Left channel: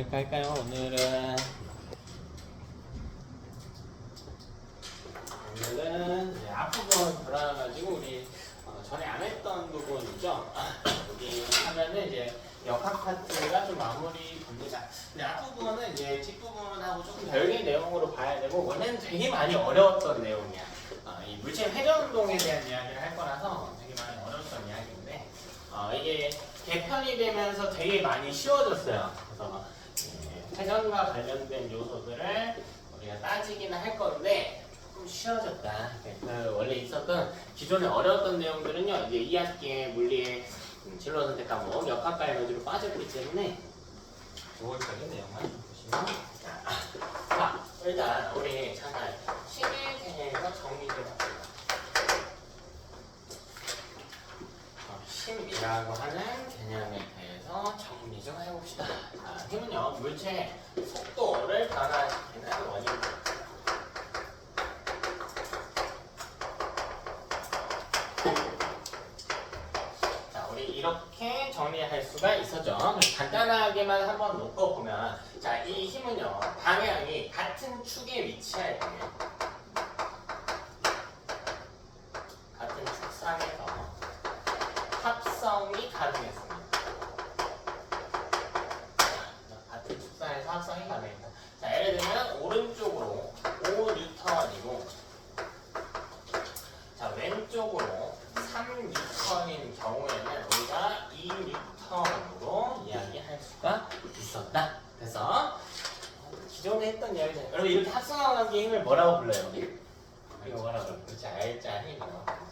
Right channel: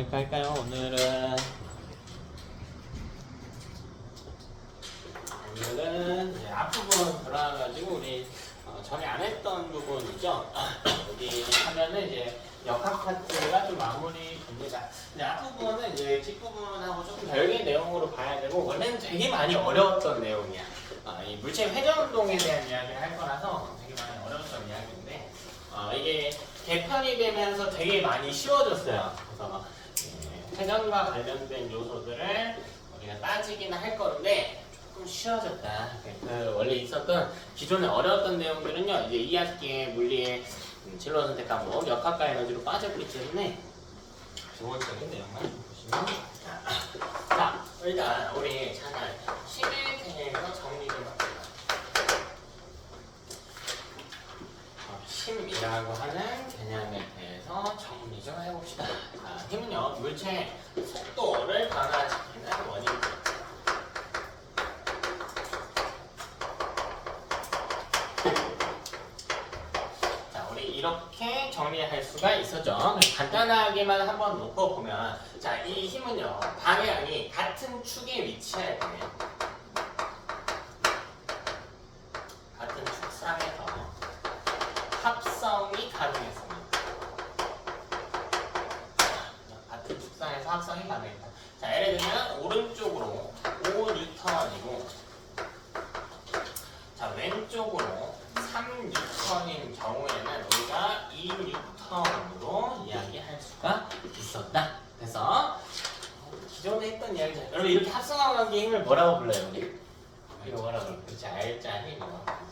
뭘 할까요? 오늘은 이제 앞부분 돌아가가지고 우리 전에 안 했던 부분이죠. 여기 하면은 이제 역학 파트가 좀 마무리 됩니다. 근데 앞부분은 이제 뒷부분하고 조금 별개의 내용으로 봐야 되고, 원래는 되게 많이 어려웠던 내용이야. 이 물체 회전 운동에 대한 이야기를 할 거라서 되게 많이 어려웠던 이야기인데, 이게 개편이 되면서 되게 많이 쉬워졌어요. 그래서 회전과 관련된 요소들을 우리가 따지기는 할 건데 조금 쉬워졌다. 그 원래 있었던 기존에 어려웠던 내용들은요, 이제 2학기에 물리의 진로 선택 과목 역학과 에너지로 빠져있기 때문에 기본적인 내용만 보시면 자, 일단 우리 잠깐 힘에 대해서 정리 좀 합시다. 힘이라고 하는 개념에 대해서 정리 좀 해봅시다. 자, 힘은요, 물체의 속도를 변화시키는 원인입니다. 자, 우리 이렇게 정리할 수가 있었죠. 간단하게만 한번 놓고 보면, 자, 이 힘은요, 방향이 같은 축에 위치할 거예요. 같은 축상에서 합성이 가능했습니다. 같은 축상에서 합성이 가능했다. 자, 예를 들면 오른쪽으로 5N이고, 자, 왼쪽으로 3N인 경우에는 우리가 2N으로 이야기할 수가 있었다. 그래서 기존에 했던 이야기잖아요. 여러분, 이렇게 합성한 관계의 힘을 뭐라고 불러요? 우리? 이거 뭐라고 불러요? 그렇지, 알자 힘이요.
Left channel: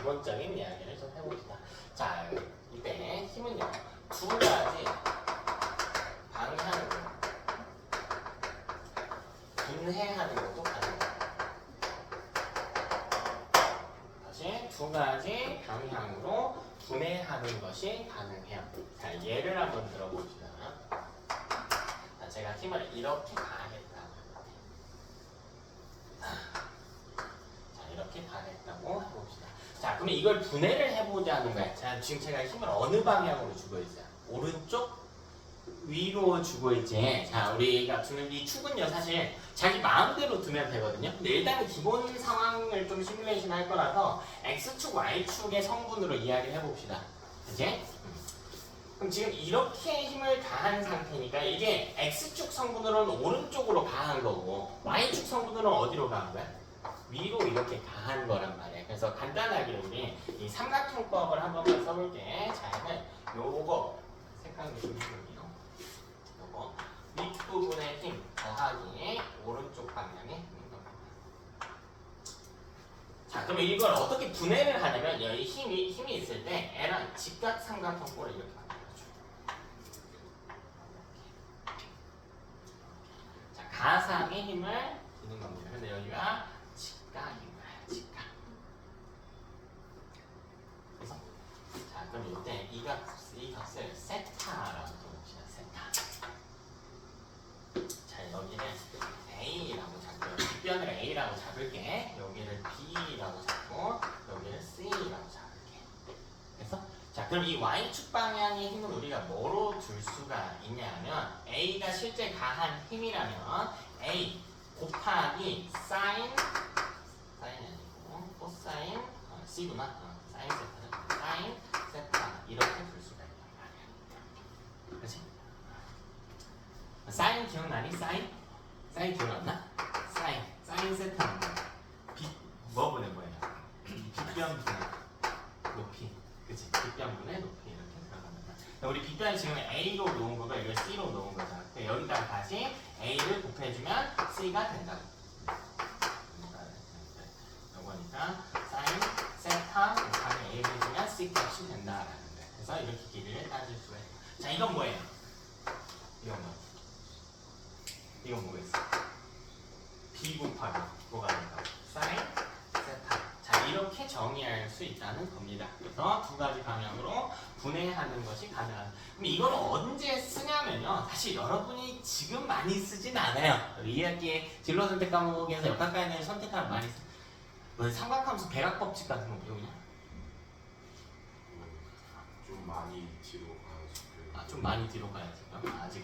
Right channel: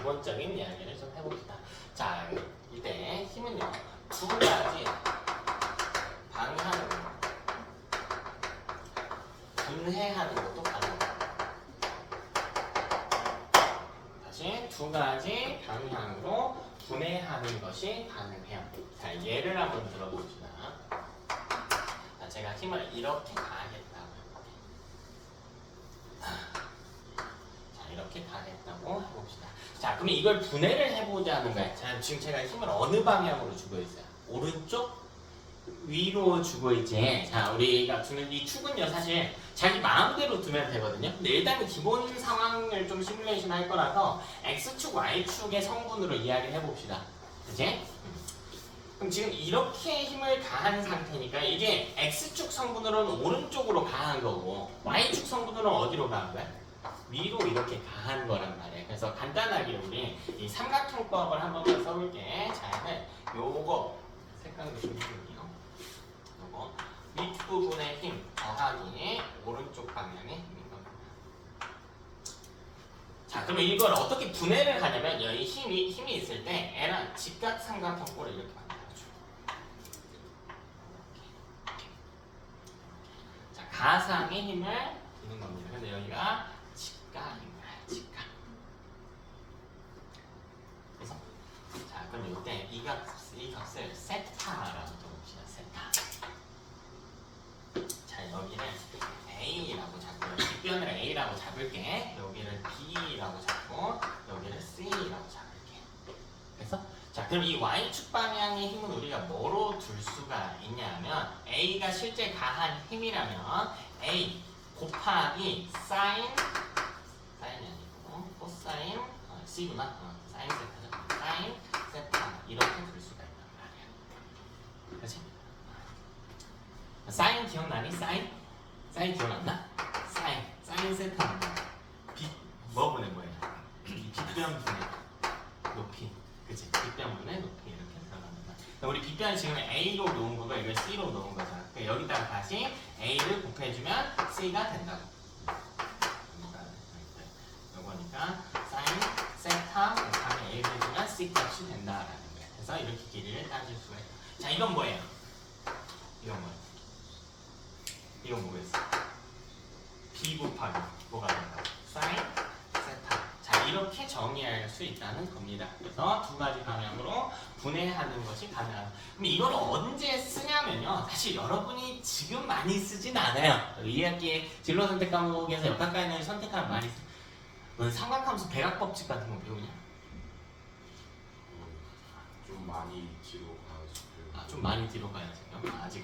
기본적인 이야기를 좀 해봅시다. 자, 이때 힘은요, 두 가지 방향으로 분해하는 것도 가능합니다. 다시 두 가지 방향으로 분해하는 것이 가능해요. 자, 예를 한번 들어봅시다. 자, 제가 힘을 이렇게 가했다고. 자, 이렇게 가했다고 해봅시다. 자, 그럼 이걸 분해를 해보자는 거야. 자, 지금 제가 힘을 어느 방향으로 주고 있어요? 오른쪽? 위로 주고 있지. 자, 우리가 두는 이 축은요, 사실 자기 마음대로 두면 되거든요. 근데 일단은 기본 상황을 좀 시뮬레이션 할 거라서 X축, Y축의 성분으로 이야기를 해봅시다. 그치? 그럼 지금 이렇게 힘을 가한 상태니까 이게 X축 성분으로는 오른쪽으로 가한 거고, Y축 성분으로는 어디로 가한 거야? 위로 이렇게 가한 거란 말이에요. 그래서 간단하게 우리 이 삼각형법을 한번 더 써볼게. 자, 요거 색깔도 좀 해볼게요. 요거 밑부분의 힘 더하기 오른쪽 방향의 힘입니다. 자, 그럼 이걸 어떻게 분해를 하냐면, 여기 힘이 있을 때 애랑 직각삼각형꼴을 이렇게 만들어줘. 자, 가상의 힘을 두는 겁니다. 근데 여기가 직각인 거야, 직각. 그래서 자, 그럼 이때 이 값을 세타라고 써봅시다. 세타. 자, 여기를 A라고 잡고요. 뒷변을 A라고 잡을게. 여기를 B라고 잡고 여기를 C라고 잡을게. 그래서 자, 그럼 이 Y축 방향의 힘은 우리가 뭐로 둘 수가 있냐면, A가 실제 가한 힘이라면 A 곱하기 사인이 아니고 코사인 C구나. 사인 세타는 사인 세타 이렇게 둘 수가 있단 말이야. 그렇지? 사인 기억나니? 사인 기억났나? 사인 세타는 뭐분의 뭐예요? 빗변분의 높이. 그치? 빗변분의 높이 이렇게 들어갑니다. 우리 빗변 지금 A로 놓은 거고 이걸 C로 놓은 거잖아. 여기다가 다시 A를 곱해주면 C가 된다고. 이거니까 사인 세타 곱하기 A를 해주면 C 값이 된다라는 거예요. 그래서 이렇게 길이를 따질 수가 있다. 자, 이건 뭐예요? 이건 뭐예요? 이건 뭐겠어? B 곱하기 뭐가 된다고? 사인 세타. 자, 이렇게 정의할 수 있다는 겁니다. 그래서 두 가지 방향으로 분해하는 것이 가능하다. 그럼 이걸 언제 쓰냐면요, 사실 여러분이 지금 많이 쓰진 않아요. 2학기에 진로 선택 과목에서 역학과에는 선택하면 많이 써. 넌 삼각함수 배각법칙 같은 거 배우냐? 좀 많이 지로 가서 좀 많이 뒤로 가야지.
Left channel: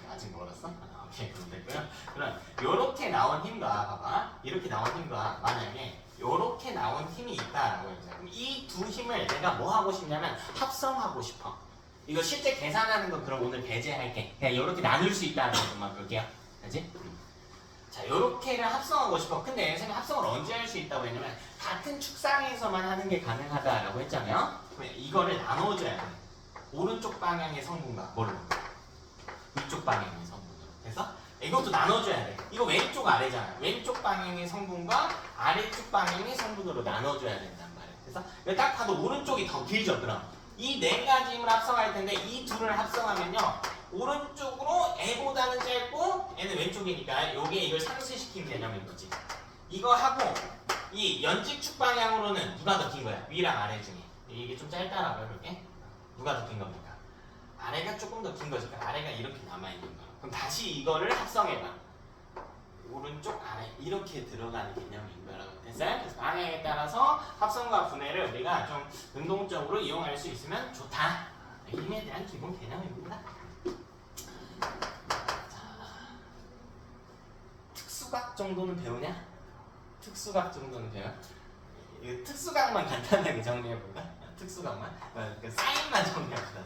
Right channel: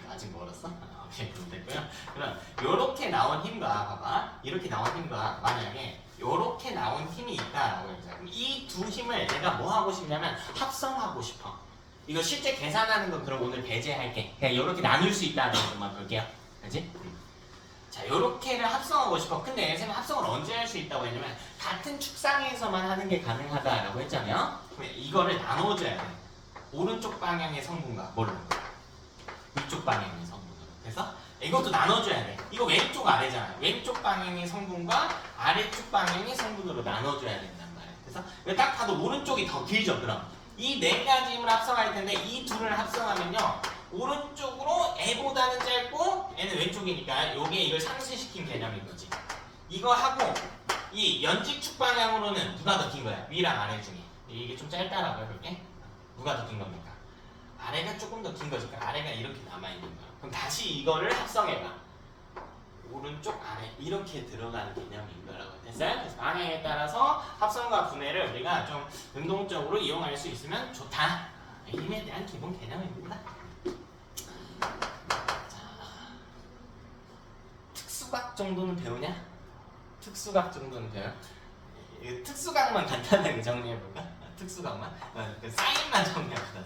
아직 멀었어? 오케이, 그럼 됐고요. 그럼 요렇게 나온 힘과 봐봐. 이렇게 나온 힘과 만약에 요렇게 나온 힘이 있다라고 해보자. 그럼 이 두 힘을 내가 뭐 하고 싶냐면 합성하고 싶어. 이거 실제 계산하는 건 그럼 오늘 배제할게. 그냥 요렇게 나눌 수 있다는 것만 볼게요. 알지? 자, 요렇게를 합성하고 싶어. 근데 선생님 합성을 언제 할 수 있다고 했냐면 같은 축상에서만 하는 게 가능하다라고 했잖아요. 그럼 이거를 나눠줘야 돼. 오른쪽 방향의 성분과 뭘로? 위쪽 방향의 성분으로. 그래서 이것도 나눠줘야 돼. 이거 왼쪽 아래잖아. 왼쪽 방향의 성분과 아래쪽 방향의 성분으로 나눠줘야 된단 말이야. 그래서 이거 딱 봐도 오른쪽이 더 길죠. 그럼 이 네 가지 힘을 합성할 텐데 이 둘을 합성하면요. 오른쪽으로 애보다는 짧고 얘는 왼쪽이니까 요게 이걸 상쇄시킨 개념인 거지. 이거 하고 이 연직축 방향으로는 누가 더 긴 거야? 위랑 아래 중에. 이게 좀 짧다라고 해볼게. 누가 더 긴 겁니까? 아래가 조금 더 긴 거지. 그러니까 아래가 이렇게 남아있는 거야. 그럼 다시 이거를 합성해봐. 오른쪽 아래 이렇게 들어가는 개념인 거라고 됐어요? 그래서 방향에 따라서 합성과 분해를 우리가 좀 능동적으로 이용할 수 있으면 좋다. 힘에 대한 기본 개념입니다. 자, 특수각 정도는 배우냐? 특수각 정도는 배워? 특수각만 간단하게 정리해볼까? 특수각만? 그 사인만 정리합시다.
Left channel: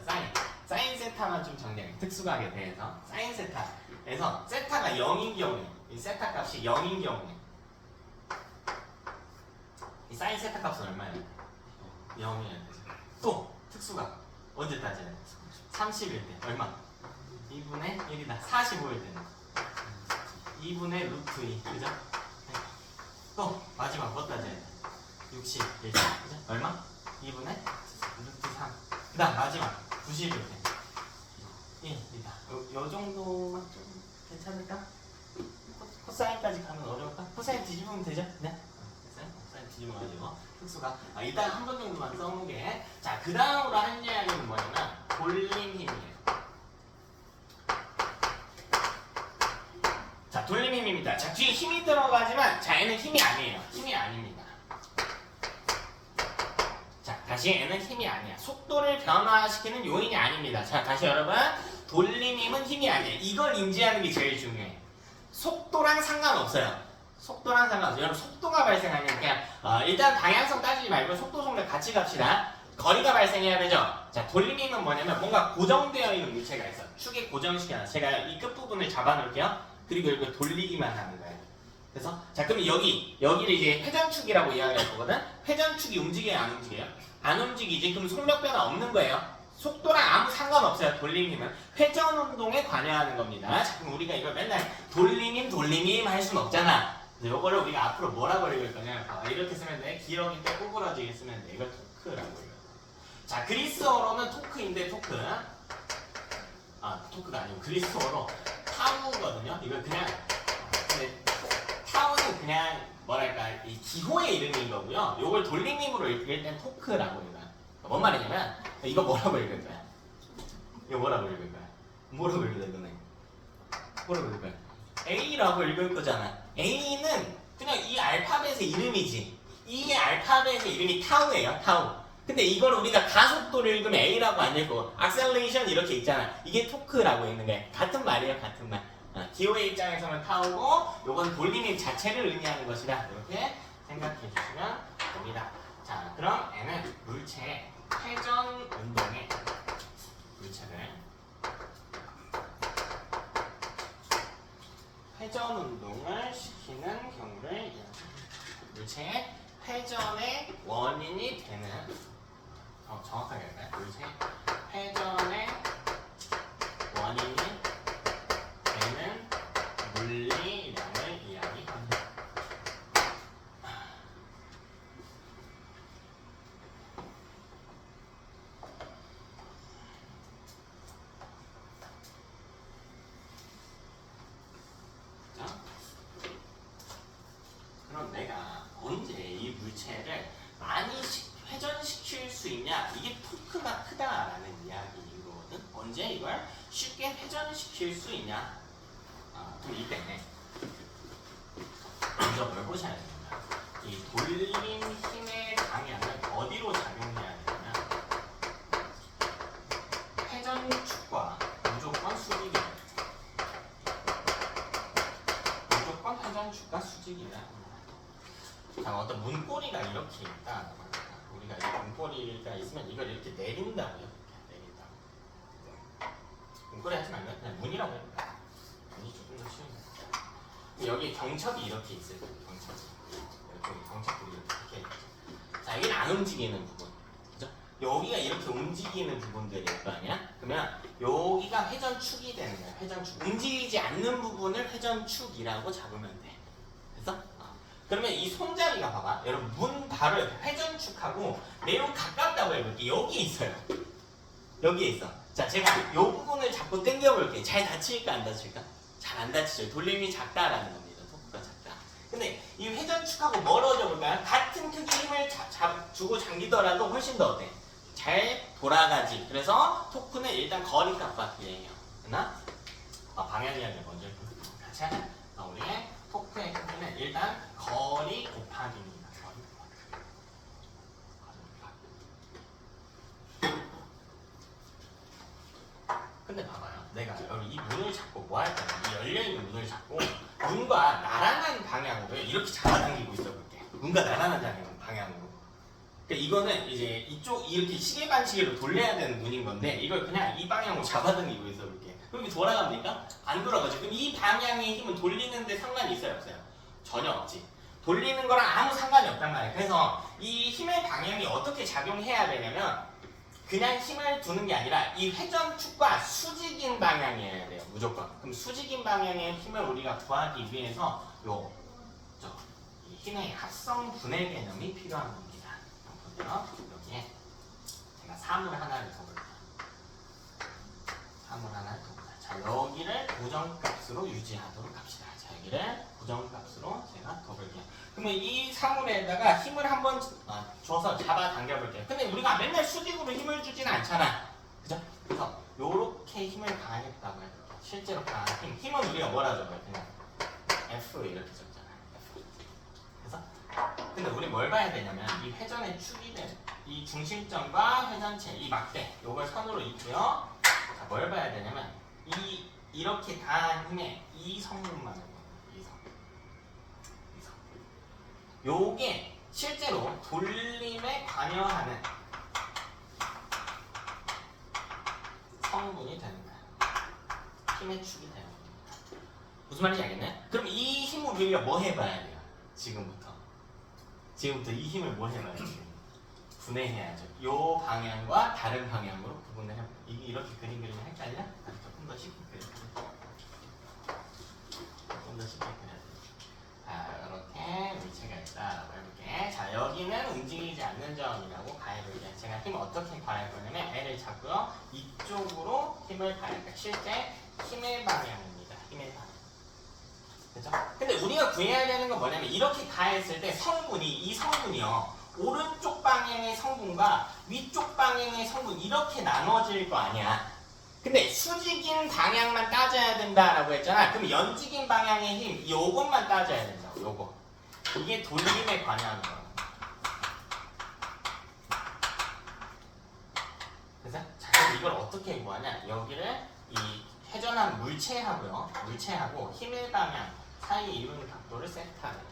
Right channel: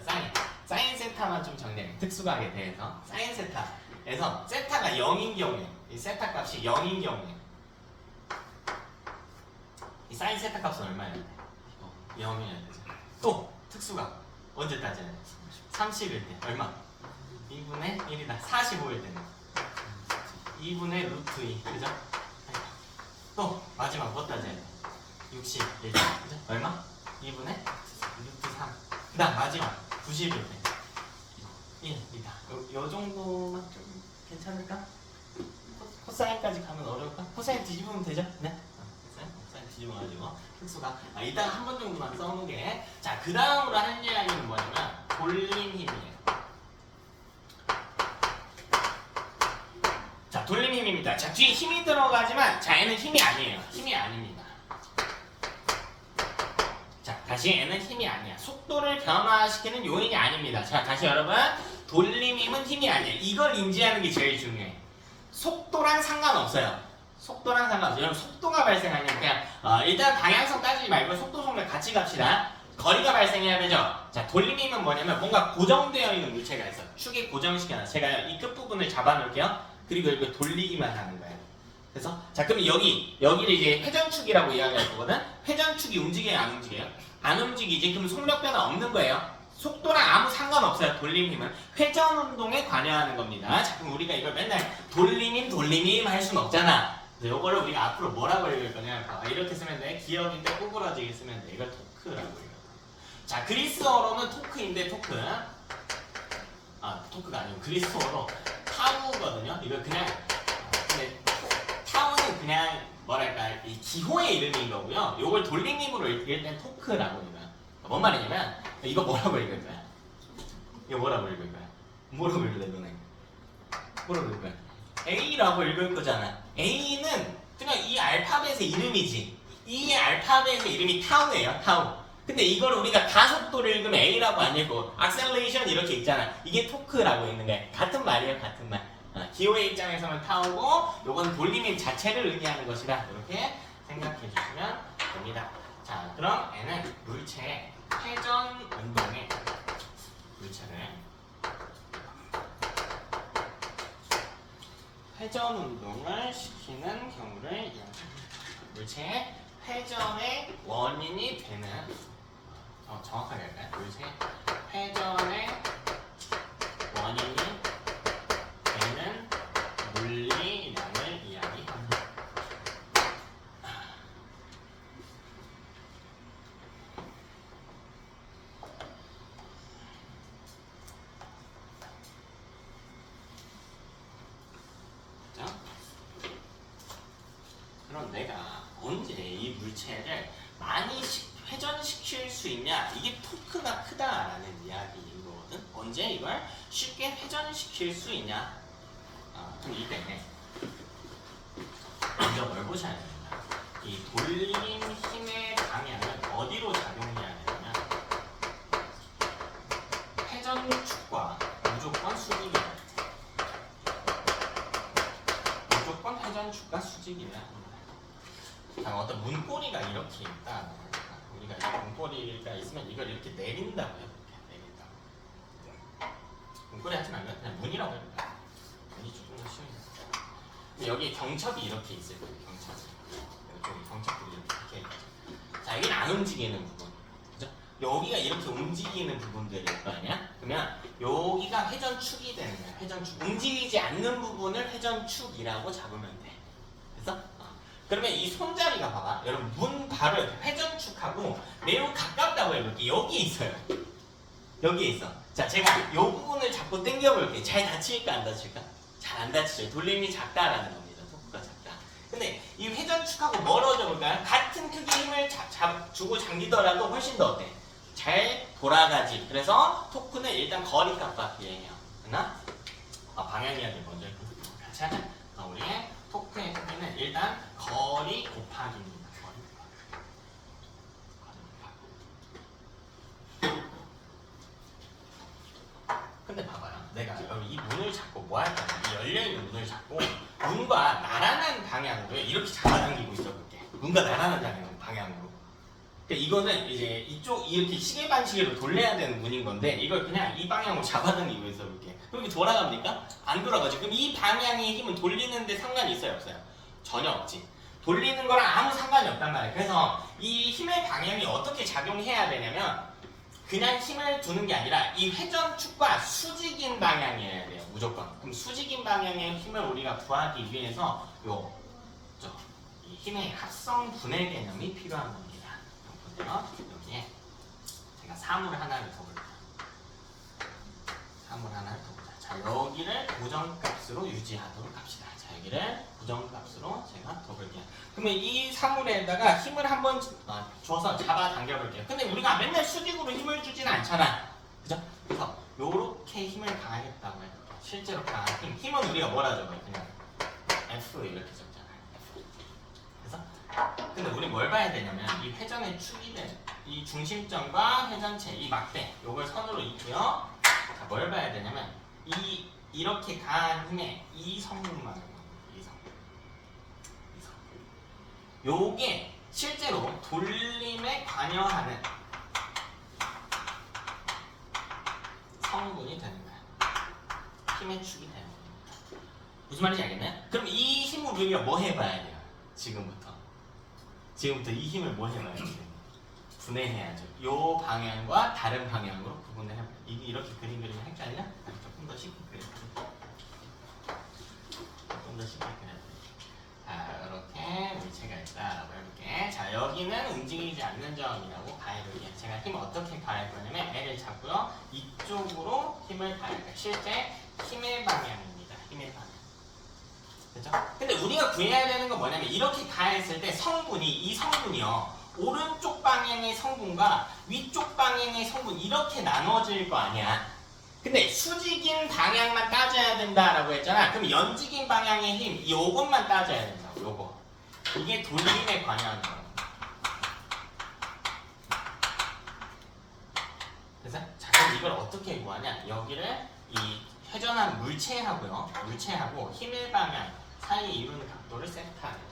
사인 세타만 좀 정리해. 특수각에 대해서 사인 세타에서 세타가 0인 경우에 이 세타 값이 0인 경우에 이 사인 세타 값은 얼마예요? 0이어야 되죠. 또 특수각 언제 따져야 돼? 30일 때 얼마? 2분의 1이다. 45일 때는 2분의 루트 2 그죠? 또 마지막 뭐 따져야 돼? 60일 때 그죠? 얼마? 2분의 루트 3 그 다음 마지막 90일 때 1이다. 요 정도만 좀 괜찮을까? 코사인까지 가면 어려울까? 코사인 뒤집으면 되죠? 네? 코사인 뒤집어가지고 특수가 일단 한 번 정도만 써놓게. 자, 그 다음으로 할 이야기는 뭐냐면 돌림 힘이에요. 자, 돌림 힘입니다. 자, 뒤에 힘이 들어가지만 자, 얘는 힘이 아니에요. 힘이 아닙니다. 자, 다시 얘는 힘이 아니야. 속도를 변화시키는 요인이 아닙니다. 자, 다시 여러분 돌림 힘은 힘이 아니에요. 이걸 인지하는 게 제일 중요해. 속도랑 상관없어요. 속도랑 상관없어요. 여러분 속도가 발생하면 그냥 일단 방향성 따지지 말고 속도 속력 같이 갑시다. 거리가 발생해야 되죠. 자, 돌림 힘은 뭐냐면 뭔가 고정되어 있는 물체가 있어. 축에 고정시켜놔. 제가 이 끝부분을 잡아놓을게요. 그리고 이걸 돌리기만 하는 거예요. 그래서 자, 그럼 여기를 이제 회전축이라고 이야기할 거거든. 회전축이 움직여요, 안 움직여요? 안 움직이지. 그럼 속력 변화 없는 거예요. 속도랑 아무 상관없어요. 돌림 힘은 회전 운동에 관여하는 겁니다. 자, 그럼 우리가 이걸 맨날 돌림 힘 할 수는 없잖아. 이거를 우리가 앞으로 뭐라고 읽을 거냐? 이렇게 쓰면 돼. 기억인데 꼬부라지게 쓰면 돼. 이걸 토크라고 읽어요. 자, 그리스어로는 토크인데 토크. 토크가 아니고 그리스어로 타우거든요. 이걸 그냥 근데 타우는 그냥 뭐랄까 이 기호의 이름인 거고요. 이걸 돌림 힘으로 읽을 땐 토크라고 합니다. 뭔 말이냐면 이거 뭐라고 읽을 거야? 이거 뭐라고 읽을 거야? 뭐라고 읽을래 너네? 뭐라고 읽을 거야? A라고 읽을 거잖아. A는 그냥 이 알파벳의 이름이지. 이 알파벳의 이름이 타우예요. 타우. 근데 이걸 우리가 가속도를 읽으면 A라고 안 읽고 악셀레이션 이렇게 있잖아. 이게 토크라고 읽는 거야. 같은 말이에요. 같은 말. 기호의 입장에서는 타우고 요건 돌림힘 자체를 의미하는 것이다. 이렇게 생각해 주시면 됩니다. 자, 그럼 N은 물체의 회전 운동의 물체를 회전 운동을 시키는 경우를 이용합니다. 물체의 회전의 원인이 되는 정확하게 할까요? 물체의 회전의 원인이 되는 물리량을 이야기합니다. 그럼 내가 언제 이 물체를 많이 회전시킬 수 있냐? 이게 토크가 크다라는 이야기인 거거든. 언제 이걸 쉽게 회전시킬 수 있냐? 그럼 이때 먼저 뭘 보셔야 됩니다. 이 돌림 힘의 방향은 어디로 작용해야 되냐면 회전축과 수직이냐. 자, 어떤 문고리가 이렇게 있다. 우리가 이 문고리가 있으면 이걸 이렇게 내린다고 해요. 내린다고. 문고리 하지 말면 그냥 문이라고 해요. 문이 조금 더 쉬운 거. 여기 경첩이 이렇게 있을 거예요. 경첩이. 여기 경첩들이 이렇게 있죠. 자, 여기는 안 움직이는 부분. 그죠? 여기가 이렇게 움직이는 부분들일 거 아니야? 그러면 여기가 회전축이 되는 거야. 회전축. 움직이지 않는 부분을 회전축이라고 잡으면 돼. 됐어? 그러면 이 손잡이가 봐봐. 여러분 문 바로 옆에 회전축하고 매우 가깝다고 해볼게요. 여기에 있어요. 여기에 있어. 자, 제가 이 부분을 자꾸 당겨볼게요. 잘 다칠까 안 다칠까? 잘 안 다치죠. 돌림이 작다라는 겁니다. 토크가 작다. 근데 이 회전축하고 멀어져 볼까요? 같은 크기 힘을 주고 당기더라도 훨씬 더 어때? 잘 돌아가지. 그래서 토크는 일단 거리 값밖에 해요. 됐나? 방향 이야기 먼저 같이 하자. 우리의 토크의 크기는 일단 거리 곱하기입니다. 거리 곱하기. 근데 봐봐요. 내가 이 문을 잡고 뭐 할 거야? 이 열려있는 문을 잡고 문과 나란한 방향으로 이렇게 잡아당기고 있어 볼게. 문과 나란한 방향으로. 그러니까 이거는 이제 이쪽 이렇게 시계 반시계로 돌려야 되는 문인 건데 이걸 그냥 이 방향으로 잡아당기고 있어 볼게. 그럼 이게 돌아갑니까? 안 돌아가죠. 그럼 이 방향의 힘은 돌리는데 상관이 있어요? 없어요? 전혀 없지. 돌리는 거랑 아무 상관이 없단 말이에요. 그래서 이 힘의 방향이 어떻게 작용해야 되냐면 그냥 힘을 두는 게 아니라 이 회전축과 수직인 방향이어야 돼요. 무조건. 그럼 수직인 방향의 힘을 우리가 구하기 위해서 이 힘의 합성 분해 개념이 필요한 겁니다. 보세요. 여기에 제가 사물 하나를 더 볼게요. 사물 하나를 더 보자. 자, 여기를 고정값으로 유지하도록 합시다. 자, 여기를 고정값으로 제가 더 볼게요. 그러면 이 사물에다가 힘을 한번 줘서 잡아 당겨볼게요. 근데 우리가 맨날 수직으로 힘을 주지는 않잖아. 그죠? 그래서 요렇게 힘을 가하겠다고 해볼게요. 실제로 가한 힘은 우리가 뭐라 적어요? 그냥 F 이렇게 적잖아요. F. 그래서 근데 우리 뭘 봐야 되냐면 이 회전의 축이 된 이 중심점과 회전체 이 막대 요걸 선으로 있고요. 자, 뭘 봐야 되냐면 이렇게 가한 힘의 이 성분만을 요게 실제로 돌림에 관여하는 성분이 되는 거야. 힘의 축이 되는 겁니다. 무슨 말인지 알겠나요? 그럼 이 힘을 우리가 뭐 해봐야 돼요? 지금부터 이 힘을 뭐 해봐야 돼요? 분해해야죠. 요 방향과 다른 방향으로 구분을 해봐요. 이렇게 그리면 헷갈려? 조금 더 쉽게 그려볼게요. 조금 더 쉽게 그려야 돼. 자, 이렇게 물체가 있다라고 해볼게. 자, 여기는 움직이지 않는 점이라고 가해볼게. 제가 힘을 어떻게 가할 거냐면 L을 잡고요. 이쪽으로 힘을 가할 거예요. 실제 힘의 방향입니다. 힘의 방향. 그죠? 근데 우리가 구해야 되는 건 뭐냐면 이렇게 가했을 때 이 성분이요. 오른쪽 방향의 성분과 위쪽 방향의 성분 이렇게 나눠질 거 아니야. 근데 수직인 방향만 따져야 된다라고 했잖아. 그럼 연직인 방향의 힘 요것만 따져야 된다고. 요거. 이게 돌림에 관여하는 거라고. 그래서 자, 그럼 이걸 어떻게 구하냐? 여기를 이 회전한 물체하고 힘의 방향 사이에 이루는 각도를 세트하는.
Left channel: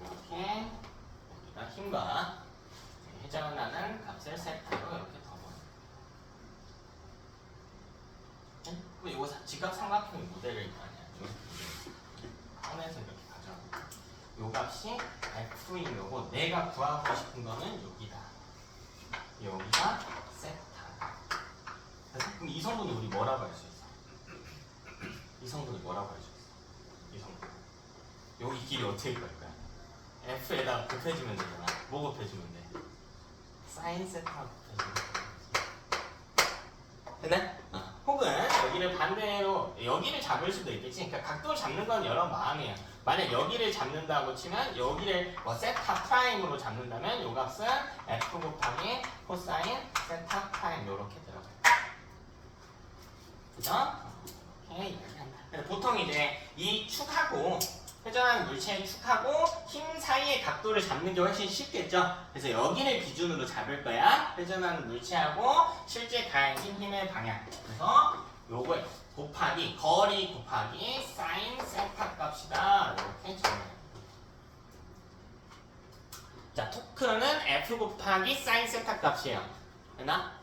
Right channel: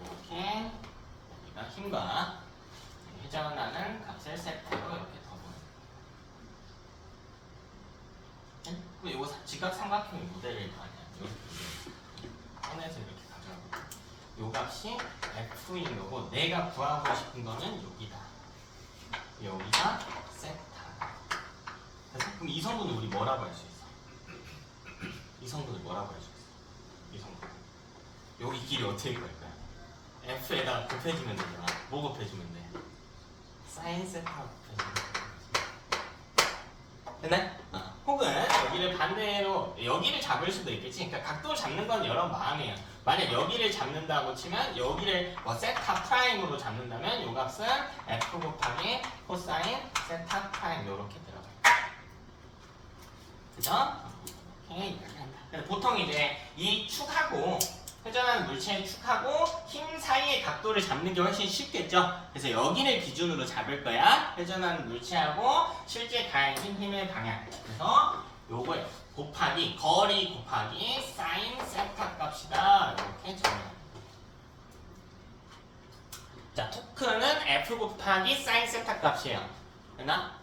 이렇게 힘과 회전하는 값을 세트로 이렇게 더보여요. 그럼 이거 지각삼각형의 모델일 거 아니야. 꺼내서 이렇게 가져가고 요 값이 F인 거고 내가 구하고 싶은 거는 여기다. 여기가 세타. 그럼 이 성분을 우리 뭐라고 할 수 있어? 이 성분을 뭐라고 할 수 있어? 이 성분. 여기 길이 어떻게 갈 거야? F에다가 곱해주면 되잖아. 뭐 곱해주면 돼? 사인 세타 곱해주면 돼. 됐네? 혹은 여기를 반대로 여기를 잡을 수도 있겠지. 그러니까 각도를 잡는 건 여러 마음이에요. 만약 여기를 잡는다고 치면 여기를 세타 프라임으로 잡는다면 요 값은 F 곱하기 코사인 세타 프라임 요렇게 들어가요. 그죠? 오케이. 보통 이제 이 축하고 회전하는 물체의 축하고 힘 사이의 각도를 잡는 게 훨씬 쉽겠죠? 그래서 여기를 기준으로 잡을 거야. 회전하는 물체하고 실제 가해진 힘의 방향. 그래서 요거에 곱하기 거리 곱하기 사인 세타 값이다. 이렇게 정해요. 자, 토크는 F 곱하기 사인 세타 값이에요. 됐나?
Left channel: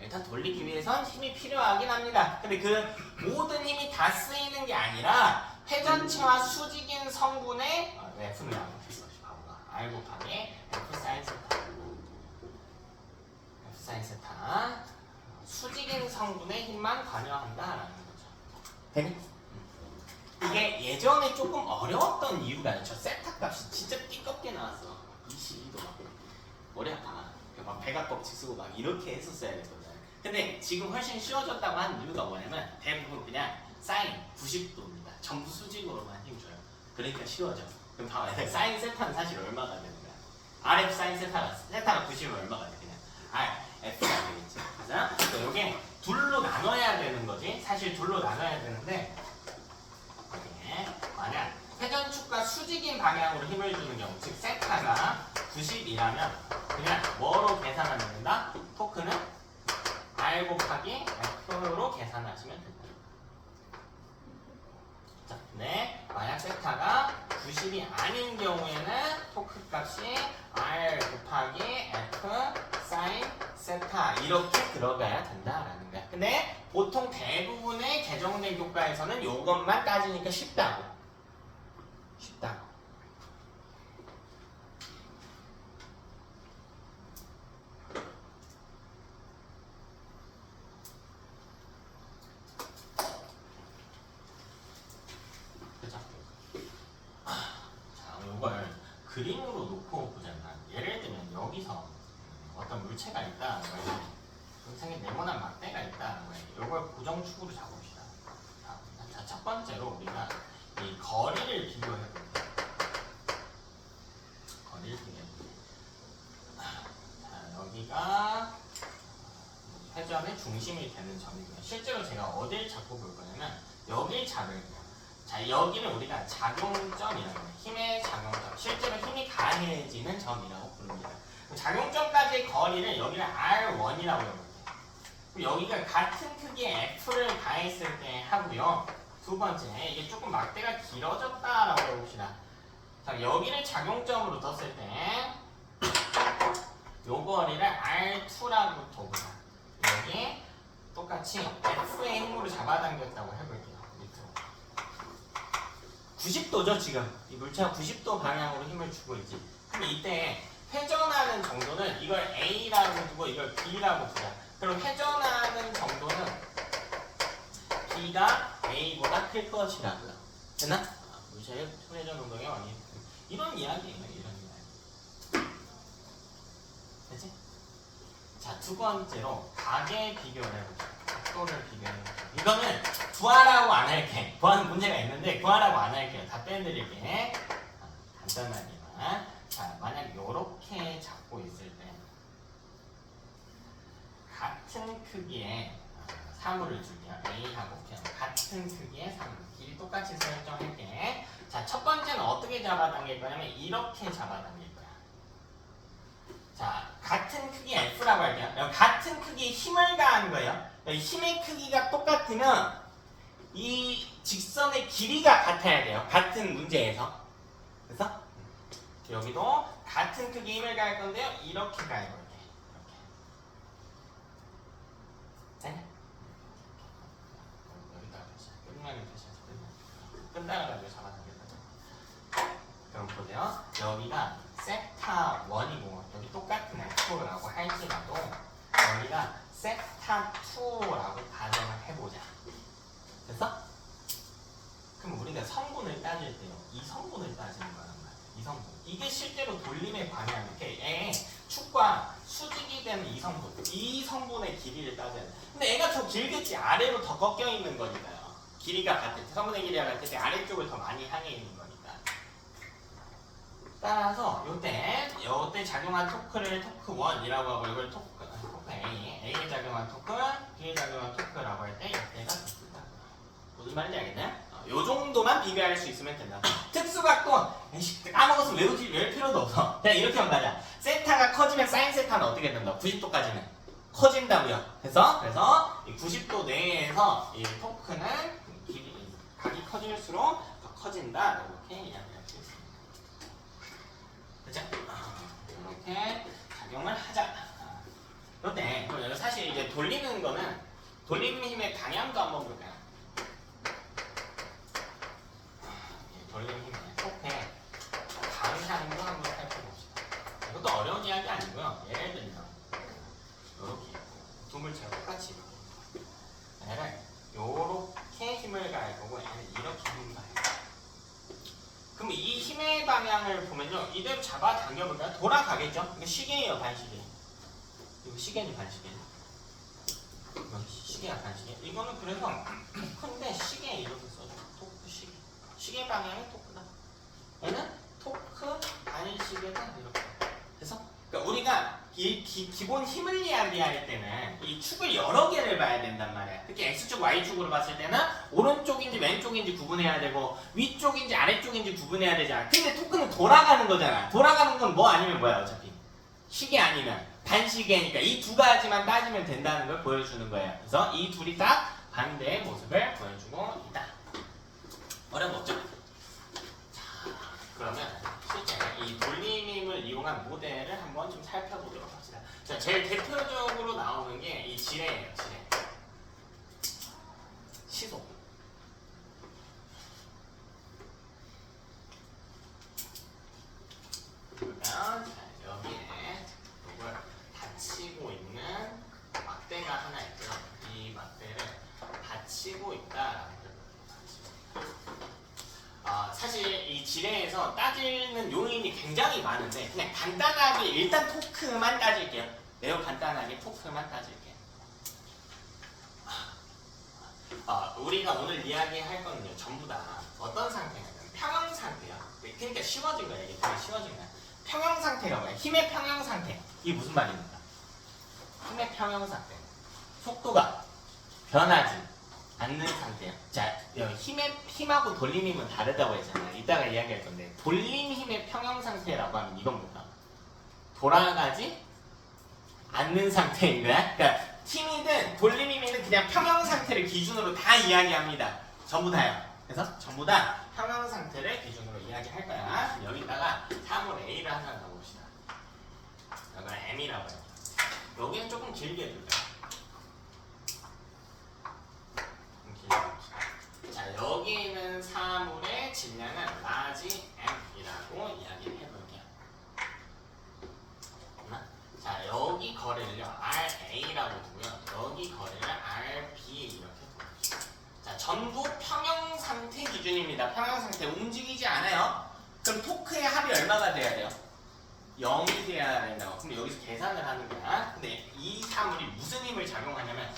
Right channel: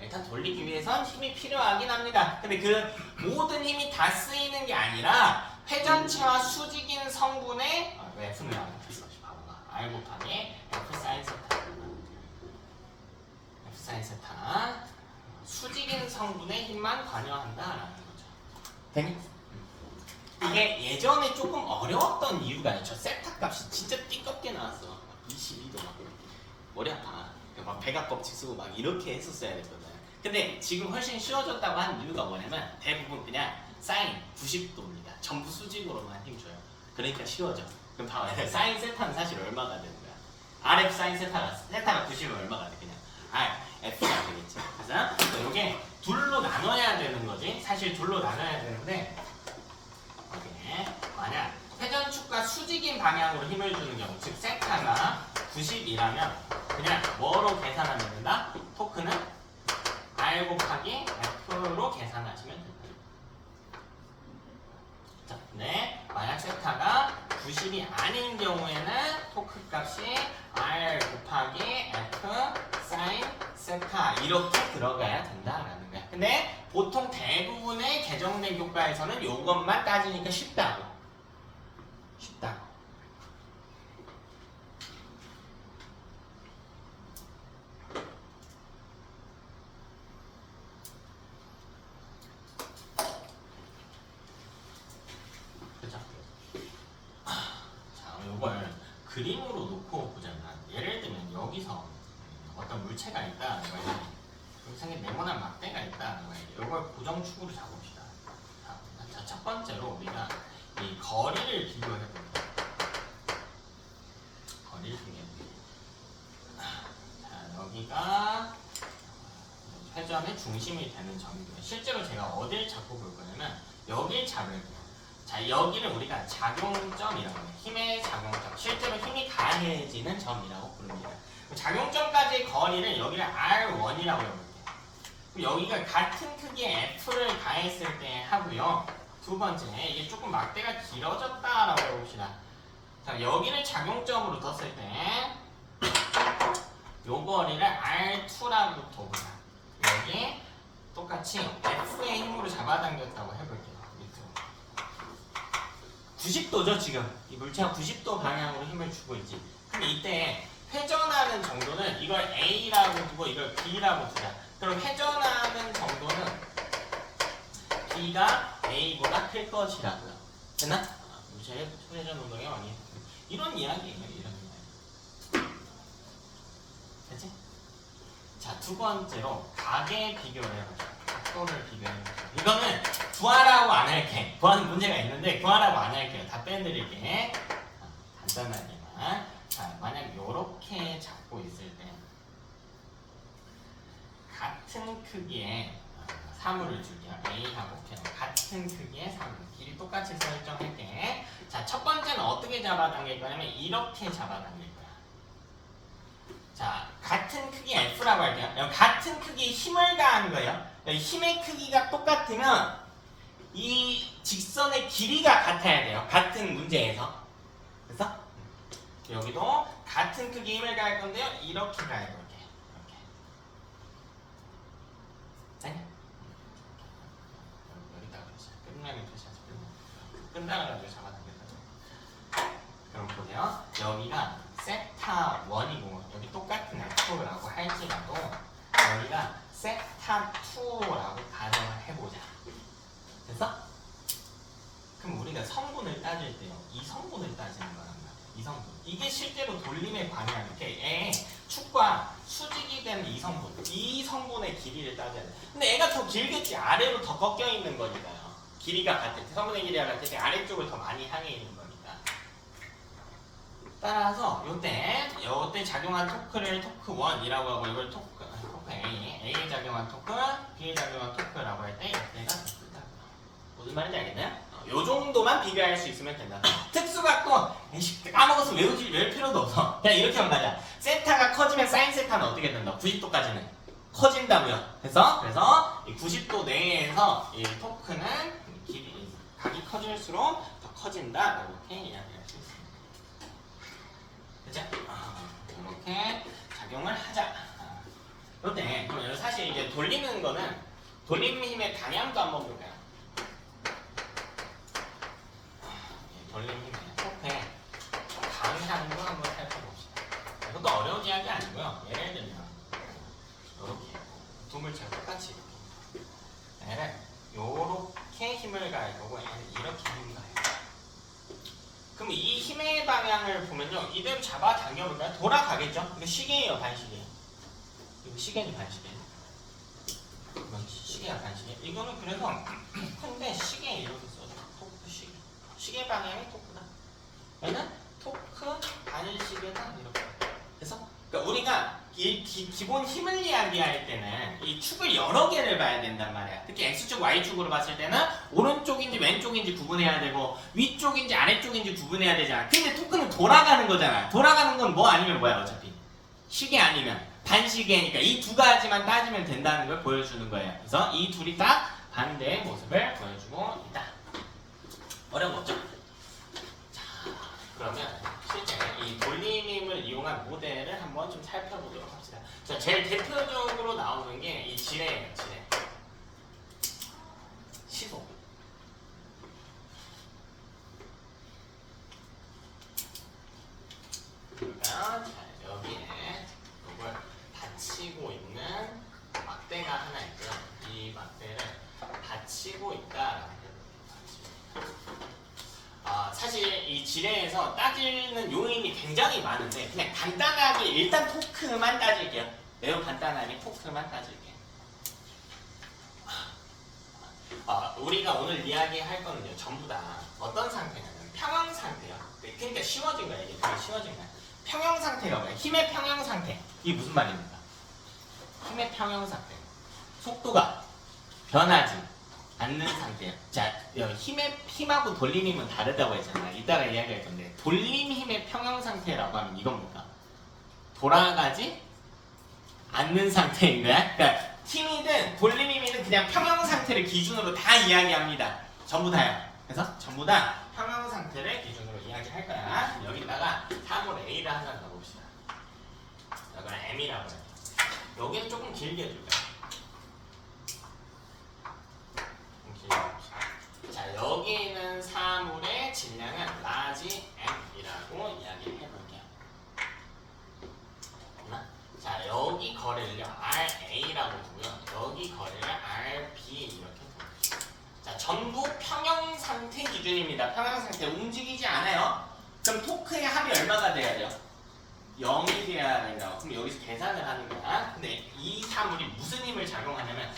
일단 돌리기 위해선 힘이 필요하긴 합니다. 근데 그 모든 힘이 다 쓰이는 게 아니라 회전체와 수직인 성분의 F는 안 붙였어. 바보가. R 곱하기 F 사인 세타. F 사인 세타. 수직인 성분의 힘만 관여한다라는 거죠. 되니? 이게 예전에 조금 어려웠던 이유가 있죠. 세타 값이 진짜 띠껍게 나왔어. 22도 막 머리 아파. 막 백악껍질 쓰고 막 이렇게 했었어야 됐거든. 근데 지금 훨씬 쉬워졌다고 한 이유가 뭐냐면 대부분 그냥 사인 90도입니다. 전부 수직으로만 힘줘요. 그러니까 쉬워져. 그럼 봐봐. 사인 세타는 사실 얼마가 되는 거야? RF 사인 세타가 90이면 얼마가 돼? 그냥 R, F가 되겠죠. 그래서 이게 둘로 나눠야 되는 거지. 사실 둘로 나눠야 되는데 여기에 만약 회전축과 수직인 방향으로 힘을 주는 경우, 즉 세타가 90이라면 그냥 뭐로 계산하면 된다? 토크는 R 곱하기 F로 계산하시면 된다. 자, 근데 만약 세타가 90이 아닌 경우에는 토크 값이 R 곱하기 F 사인 세타 이렇게 들어가야 된다라는 거야. 근데 보통 대부분의 개정된 교과에서는 이것만 따지니까 쉽다고. 그죠? 자, 이걸 그림으로 놓고 보자면 예를 들면 여기서 어떤 물체가 있다. 여기 생긴 네모난 막대가 있다. 이걸 고정축으로 잡읍시다. 자, 첫 번째로 우리가 이 거리를 비교해 봅니다. 거리를 비교해 봅니다. 자, 여기가 회전의 중심이 되는 점이고요. 실제로 제가 어딜 잡고 볼 거냐면 여길 잡을게요. 자, 여기를 우리가 작용점이라고 해요. 힘의 작용점. 실제로 힘이 가해지는 점이라고 부릅니다. 작용점까지의 거리를 여기를 R1이라고 해볼게요. 여기가 같은 크기의 F를 가했을 때 하고요. 두 번째, 이게 조금 막대가 길어졌다라고 해봅시다. 자, 여기를 작용점으로 뒀을 때 요 거리를 R2라고 둬보자. 여기 똑같이 F의 힘으로 잡아당겼다고 해볼게요. 밑으로 90도죠 지금. 이 물체가 90도 방향으로 힘을 주고 있지. 근데 이때 회전하는 정도는 이걸 A라고 두고 이걸 B라고 두자. 그럼 회전하는 정도는 B가 A보다 클 것이라고요. 됐나? 물체의 회전 운동의 원인. 이런 이야기예요. 이런 이야기. 됐지? 자, 두 번째로 각의 비교를 해보자. 각도를 비교해보자. 이거는 구하라고 안 할게. 구하는 문제가 있는데 구하라고 안 할게요. 다 빼드릴게. 간단하게만. 자, 만약 이렇게 잡고 있을 때 같은 크기의 사물을 줄게요. A하고 P 같은 크기의 사물. 길이 똑같이 설정할게. 자, 첫 번째는 어떻게 잡아당길 거냐면 이렇게 잡아당길 거야. 자, 같은 크기 F라고 할게요. 같은 크기의 힘을 가하는 거예요. 힘의 크기가 똑같으면 이 직선의 길이가 같아야 돼요. 같은 문제에서. 그래서 여기도 같은 크기의 힘을 가할 건데요. 이렇게 가해볼게. 이렇게. 자, 여기다가 끝나게 표시하죠. 끝나가지고 잡아당겼다고. 그럼 보세요. 여기가 세타 1이고 여기 똑같은 F라고 할지라도 여기가 세타 2라고 가정을 해보자. 됐어? 그럼 우리가 성분을 따질 때요. 이 성분을 따지는 거란 말이야. 이 성분. 이게 실제로 돌림의 방향. 이렇게 축과 수직이 되는 이 성분. 이 성분의 길이를 따져야 돼. 근데 애가 더 길겠지. 아래로 더 꺾여 있는 거니까요. 길이가 같을 때, 성분의 길이가 같을 때 아래쪽을 더 많이 향해 있는 거니까. 따라서 요때 작용한 토크를 토크 1이라고 하고 이걸 토크 A에 작용한 토크, B에 작용한 토크라고 할 때 이때가 토크다. 무슨 말인지 알겠나요? 요 정도만 비교할 수 있으면 된다. 특수각도 까먹어서 외울 필요도 없어. 그냥 이렇게 한다자. 세타가 커지면 사인 세타는 어떻게 된다? 90도까지는 커진다고요. 그래서 이 90도 내에서 이 토크는 각이 커질수록 더 커진다라고 이렇게 이야기할 수 있습니다. 그죠? 이렇게 작용을 하자. 그런데 그럼 사실 이제 돌리는 거는 돌리는 힘의 방향도 한번 볼까요? 돌리는 힘의 토크의 방향도 한번 살펴봅시다. 이것도 어려운 이야기 아니고요. 예를 들면 이렇게 두 물체가 똑같이 얘를 이렇게 힘을 가할 거고 얘는 이렇게 힘을 가할 거예요. 그럼 이 힘의 방향을 보면요, 이대로 잡아 당겨볼까요? 돌아가겠죠? 이거 시계예요, 반시계. 이거 시계는 반시계. 이건 시계야, 반시계. 이거는 그래서 토크인데 시계 이렇게 써요. 토크 시계. 시계 방향이 토크다. 얘는 토크 반시계다 이렇게. 그래서 그러니까 우리가 기본 힘을 이야기할 때는 이 축을 여러 개를 봐야 된단 말이야. 특히 X축, Y축으로 봤을 때는 오른쪽인지 왼쪽인지 구분해야 되고 위쪽인지 아래쪽인지 구분해야 되잖아. 근데 토크는 돌아가는 거잖아. 돌아가는 건 뭐 아니면 뭐야 어차피. 시계 아니면 반시계니까 이 두 가지만 따지면 된다는 걸 보여주는 거예요. 그래서 이 둘이 다 반대의 모습을 보여주고 있다. 어려운 거 없죠? 자, 그러면 실제 이 돌림힘을 이용한 모델을 한번 좀 살펴보도록 합시다. 자, 제일 대표적으로 나오는 게 이 지뢰예요, 지뢰. 시소. 그러면 자, 여기에 이걸 받치고 있는 막대가 하나 있고요. 이 막대를 받치고 있다. 사실 이 지뢰에서 따지는 요인이 굉장히 많은데 그냥 간단하게 일단 토크만 따질게요. 매우 간단하게 토크만 따질게요. 우리가 오늘 이야기할 거는요, 전부 다 어떤 상태냐면 평형 상태요. 그러니까 쉬워진 거예요. 되게 쉬워진 거예요. 평형 상태라고 해요. 힘의 평형 상태. 이게 무슨 말입니까? 힘의 평형 상태. 속도가 변하지 않는 상태예요. 자, 힘하고 돌림 힘은 다르다고 했잖아요. 이따가 이야기할 건데 돌림 힘의 평형 상태라고 하면 이건 뭐가? 돌아가지 않는 상태인 거야. 그러니까 힘이든 돌림 힘이든 그냥 평형 상태를 기준으로 다 이야기합니다. 전부 다요. 그래서 전부 다 평형 상태를 기준으로 이야기할 거야. 여기다가 3을 A를 하나 넣어봅시다. 여기는 M이라고 해요. 여기는 조금 길게 해줄게요. 자, 여기는 사물의 질량은 라지 M이라고 이야기를 해볼게요. 자, 여기 거리를요 RA라고 두고요. 여기 거리를 RB 이렇게 볼게요. 자, 전부 평형 상태 기준입니다. 평형 상태 움직이지 않아요. 그럼 토크의 합이 얼마가 돼야 돼요? 0이 돼야 된다고. 그럼 여기서 계산을 하는 거야. 근데 이 사물이 무슨 힘을 작용하냐면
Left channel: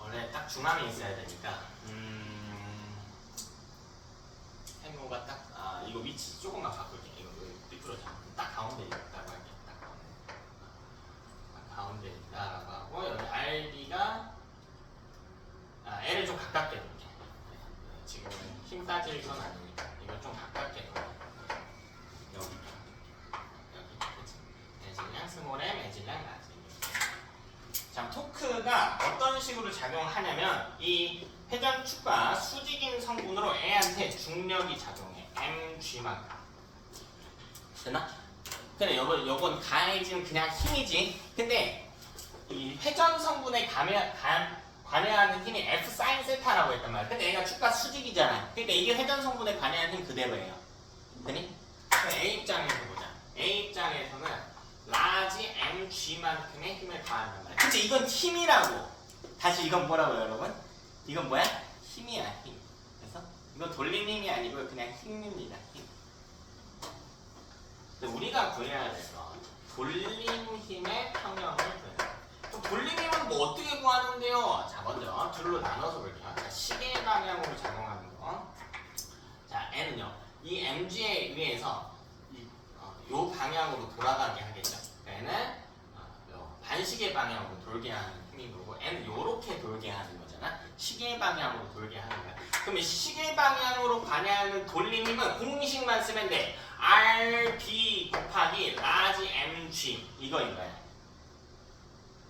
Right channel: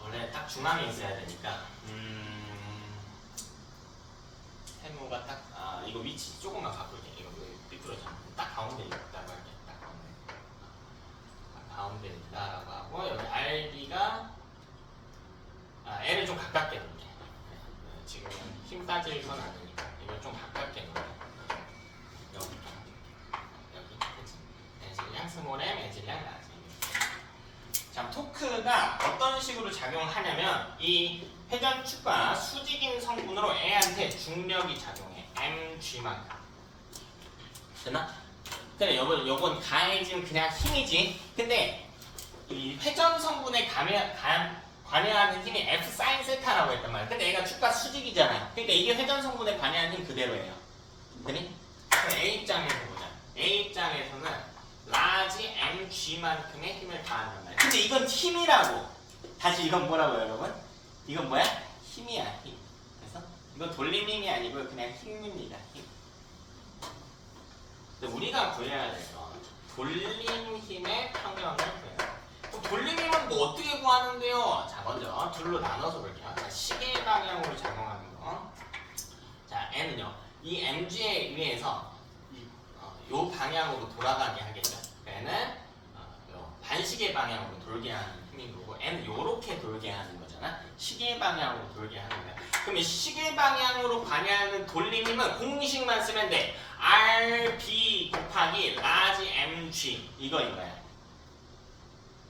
원래 딱 중앙에 있어야 되니까 세모가 딱 이거 위치 조금만 바꿀게. 이거 미끄러져. 딱 가운데 있다고 할게. 딱 가운데 있다라고 하고 여기 RB가 L을 좀 가깝게 놓을게. 지금 힘 빠질 건 아니니까 이걸 좀 가깝게 놓을게. 여기 그치? 매질량 스몰에 매질량 라지. 자, 토크가 어떤 식으로 작용하냐면 이 회전축과 수직인 성분으로 A한테 중력이 작용해. mg만큼. 됐나? 근데 요건 가해진 그냥 힘이지. 근데 이 회전 성분에 관여하는 힘이 F 사인 세타라고 했단 말이야. 근데 얘가 축과 수직이잖아. 그러니까 이게 회전 성분에 관여하는 힘 그대로예요. 되니? 그럼 A 입장에서 보자. A 입장에서는 라지 mg만큼의 힘을 가한단 말이야. 근데 이건 힘이라고. 다시 이건 뭐라고요, 여러분? 이건 뭐야? 힘이야, 힘. 그래서 이건 돌림 힘이 아니고 그냥 힘입니다, 힘. 근데 우리가 구해야 될 건 돌림 힘의 평형을 구해요. 돌림 힘은 뭐 어떻게 구하는데요? 자, 먼저 둘로 나눠서 볼게요. 자, 시계 방향으로 작용하는 거. 자, N은요. 이 mg에 의해서 요 방향으로 돌아가게 하겠죠. 얘는 반시계 방향으로 돌게 하는 힘인 거고 M은 요렇게 돌게 하는 거잖아. 시계 방향으로 돌게 하는 거야. 그러면 시계 방향으로 반향하는 돌림 힘은 공식만 쓰면 돼. RB 곱하기 라지 MG 이거인 거야.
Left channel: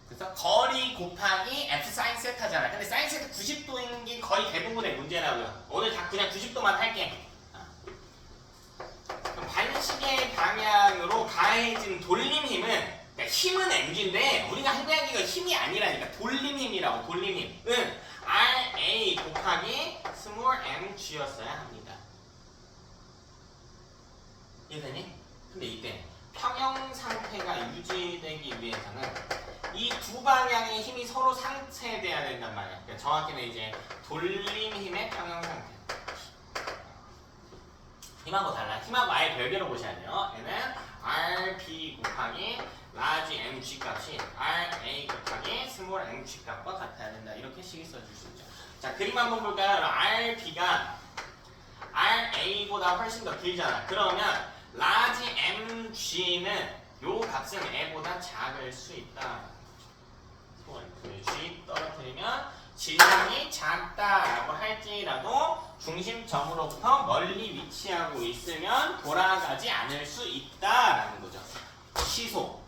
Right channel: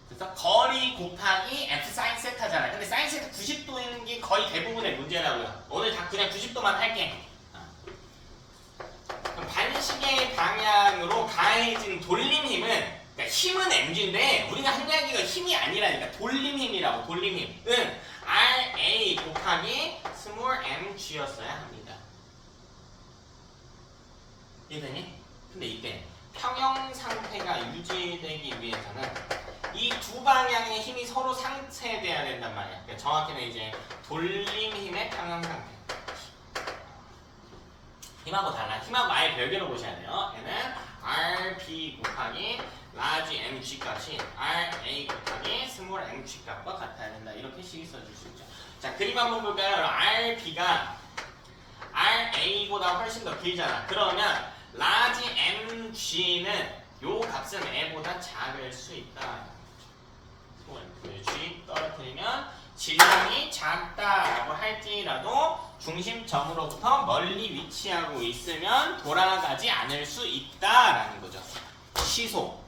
그래서 거리 곱하기 F 사인 세타잖아. 근데 사인 세타 90도인 게 거의 대부분의 문제라고요. 오늘 다 그냥 90도만 할게. 그럼 반시계 방향으로 가해진 돌림 힘은 그러니까 힘은 mg인데 우리가 한 이야기가 힘이 아니라니까 돌림 힘이라고. 돌림 힘은 RA 곱하기 스몰 mg였어야 합니다. 이해되니? 근데 이때 평형 상태가 유지되기 위해서는 이 두 방향의 힘이 서로 상쇄돼야 된단 말이야. 그러니까 정확히는 이제 돌림 힘의 평형 상태. 힘하고 달라. 힘하고 아예 별개로 보셔야 돼요. 얘는 RB 곱하기 라지 mg 값이 RA 곱하기 스몰 mg 값과 같아야 된다. 이렇게 식이 써줄 수 있죠. 자, 그림 한번 볼까요? RB가 RA보다 훨씬 더 길잖아. 그러면 라지 mg는 요 값은 A보다 작을 수 있다. G 떨어뜨리면 질량이 작다라고 할지라도 중심점으로부터 멀리 위치하고 있으면 돌아가지 않을 수 있다라는 거죠. 시소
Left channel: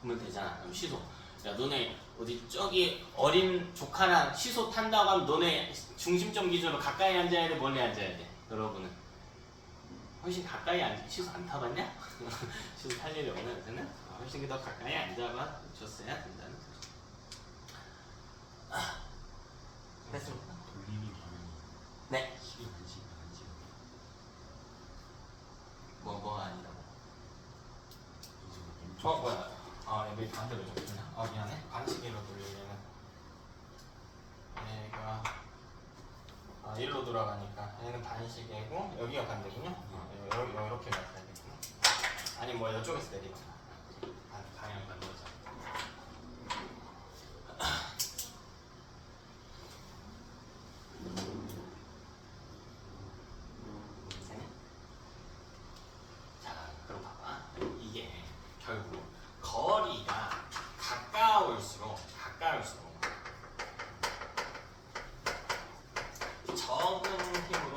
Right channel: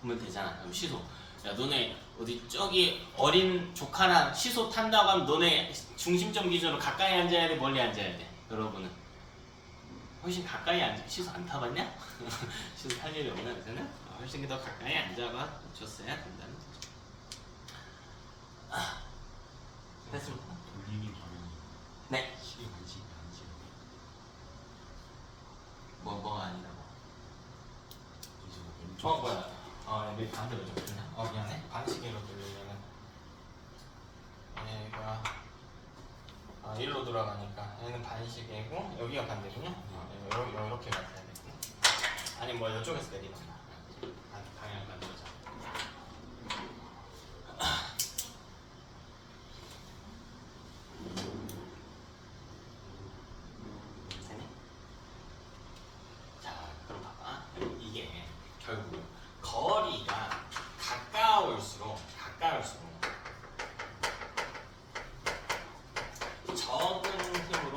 보면 되잖아. 그럼 시소. 야, 너네 어디 저기 어린 조카랑 시소 탄다고 하면 너네 중심점 기준으로 가까이 앉아야 돼, 멀리 앉아야 돼? 여러분은 훨씬 가까이 앉아. 시소 안 타봤냐? 시소 탈 일이 없나 요새는? 훨씬 더 가까이 앉아봐 줬어야 된다는 거죠. 됐습니다. 네. 뭐가 아니라고? 뭐야? 여기 반대로 좀 그냥. 미안해. 반시계로 돌리려면 얘가 일로 돌아가니까 얘는 반시계고 여기가 반대군요. 이렇게 갔어야 되구나. 아니 뭐 이쪽에서 내리던가. 방향 반대죠. 그럼 봐봐. 이게 결국 거리가 가까울수록 적은 힘으로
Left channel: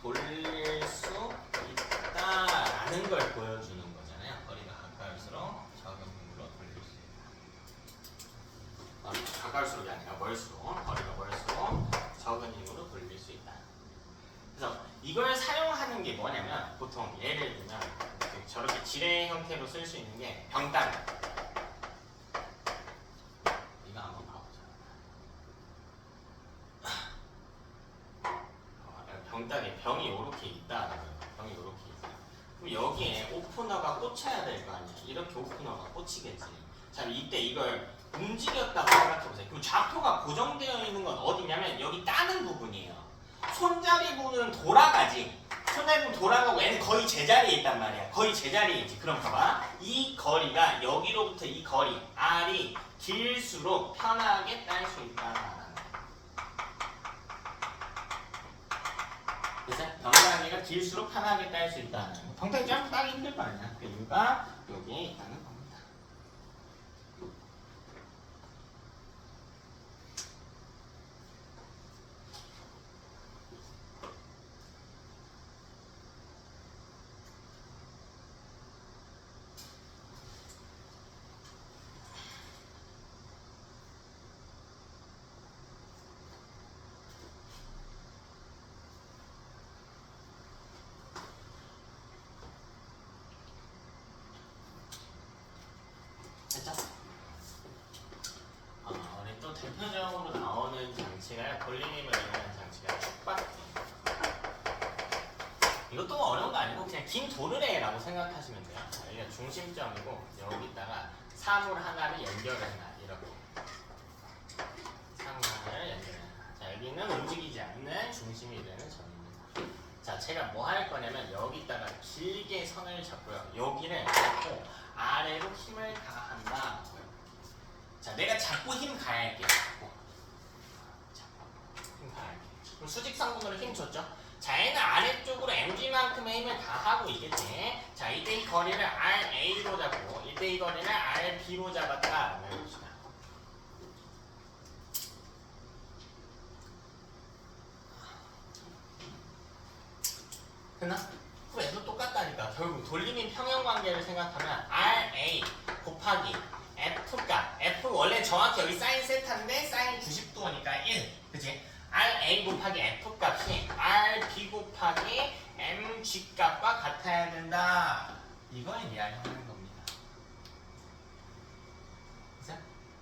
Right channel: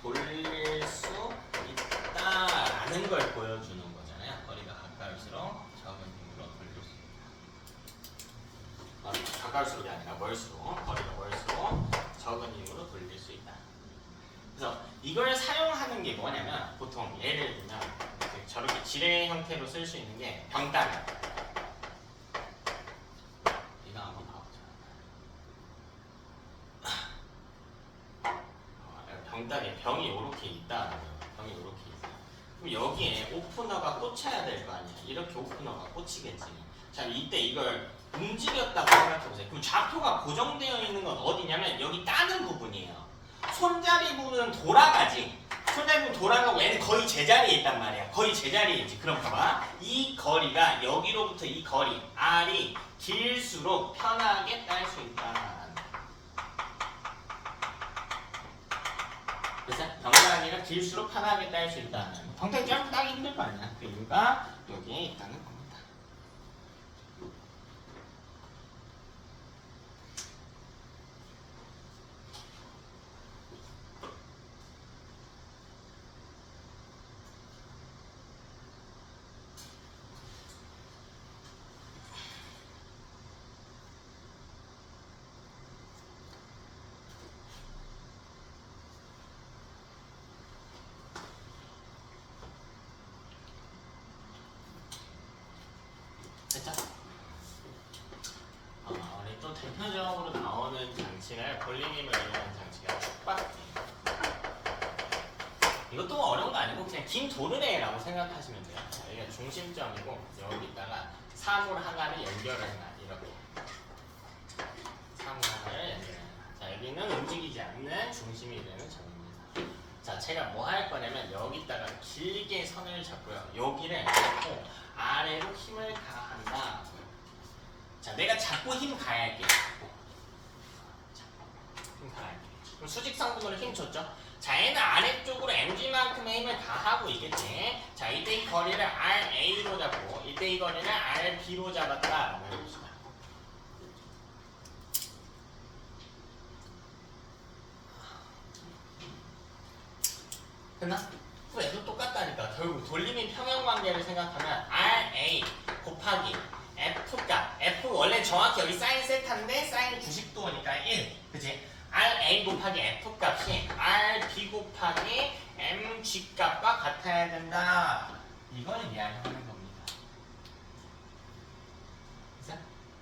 돌릴 수 있다라는 걸 보여주는 거잖아요. 거리가 가까울수록 적은 힘으로 돌릴 수. 가까울수록이 아니라 멀수록, 거리가 멀수록 적은 힘으로 돌릴 수 있다. 그래서 이걸 사용하는 게 뭐냐면 보통 예를 들면 저렇게 지뢰 형태로 쓸 수 있는 게 병따개. 이거 한번 봐보자. 병따개 병이 이렇게 있다. 병이 이렇게 있다. 그럼 여기에 오프너가 꽂혀야 될 거 아니야. 이렇게 오프너가 꽂히겠지. 자, 이때 이걸 움직였다고 생각해보세요. 그럼 좌표가 고정되어 있는 건 어디냐면 여기 따는 부분이에요. 손잡이 부분은 돌아가지. 손잡이 부분 돌아가고 얘는 거의 제자리에 있단 말이야. 거의 제자리에 있지. 그럼 봐봐. 이 거리가 여기로부터 이 거리 R이 길수록 편하게 딸 수 있다. 그래서 병따개가 길수록 편하게 딸 수 있다. 병따개 좀 따기 힘들 거 아니야. 그 이유가 여기에 있다는 겁니다. 우리 또 대표적으로 나오는 장치가 볼링힘을 이용한 장치가 축박기. 이것도 어려운 거 아니고 그냥 긴 도르래라고 생각하시면 돼요. 여기가 중심점이고 여기다가 사물 하나를 연결을 해놔. 이렇게 사물 하나를 연결해놔. 자, 여기는 움직이지 않는 중심이 되는 점입니다. 자, 제가 뭐 할 거냐면 여기다가 길게 선을 잡고요. 여기를 잡고 아래로 힘을 가한다. 자, 내가 잡고 힘 가할게. 힘 가할게. 그럼 수직성분으로 힘 줬죠? 자, 얘는 아래쪽으로 mg만큼의 힘을 다 하고 있겠지. 자, 이때 이 거리를 RA로 잡고 이때 이 거리를 RB로 잡았다. 해봅시다. 됐나? F도 똑같다니까. 결국 돌림인 평형관계를 생각하면 RA 곱하기 F 값. F 원래 정확히 여기 사인 세타인데 사인 90도니까 1. 그치? RA 곱하기 F 값이 RB 곱하기 MG 값과 같아야 된다. 이걸 이야기하는 겁니다. 그래서?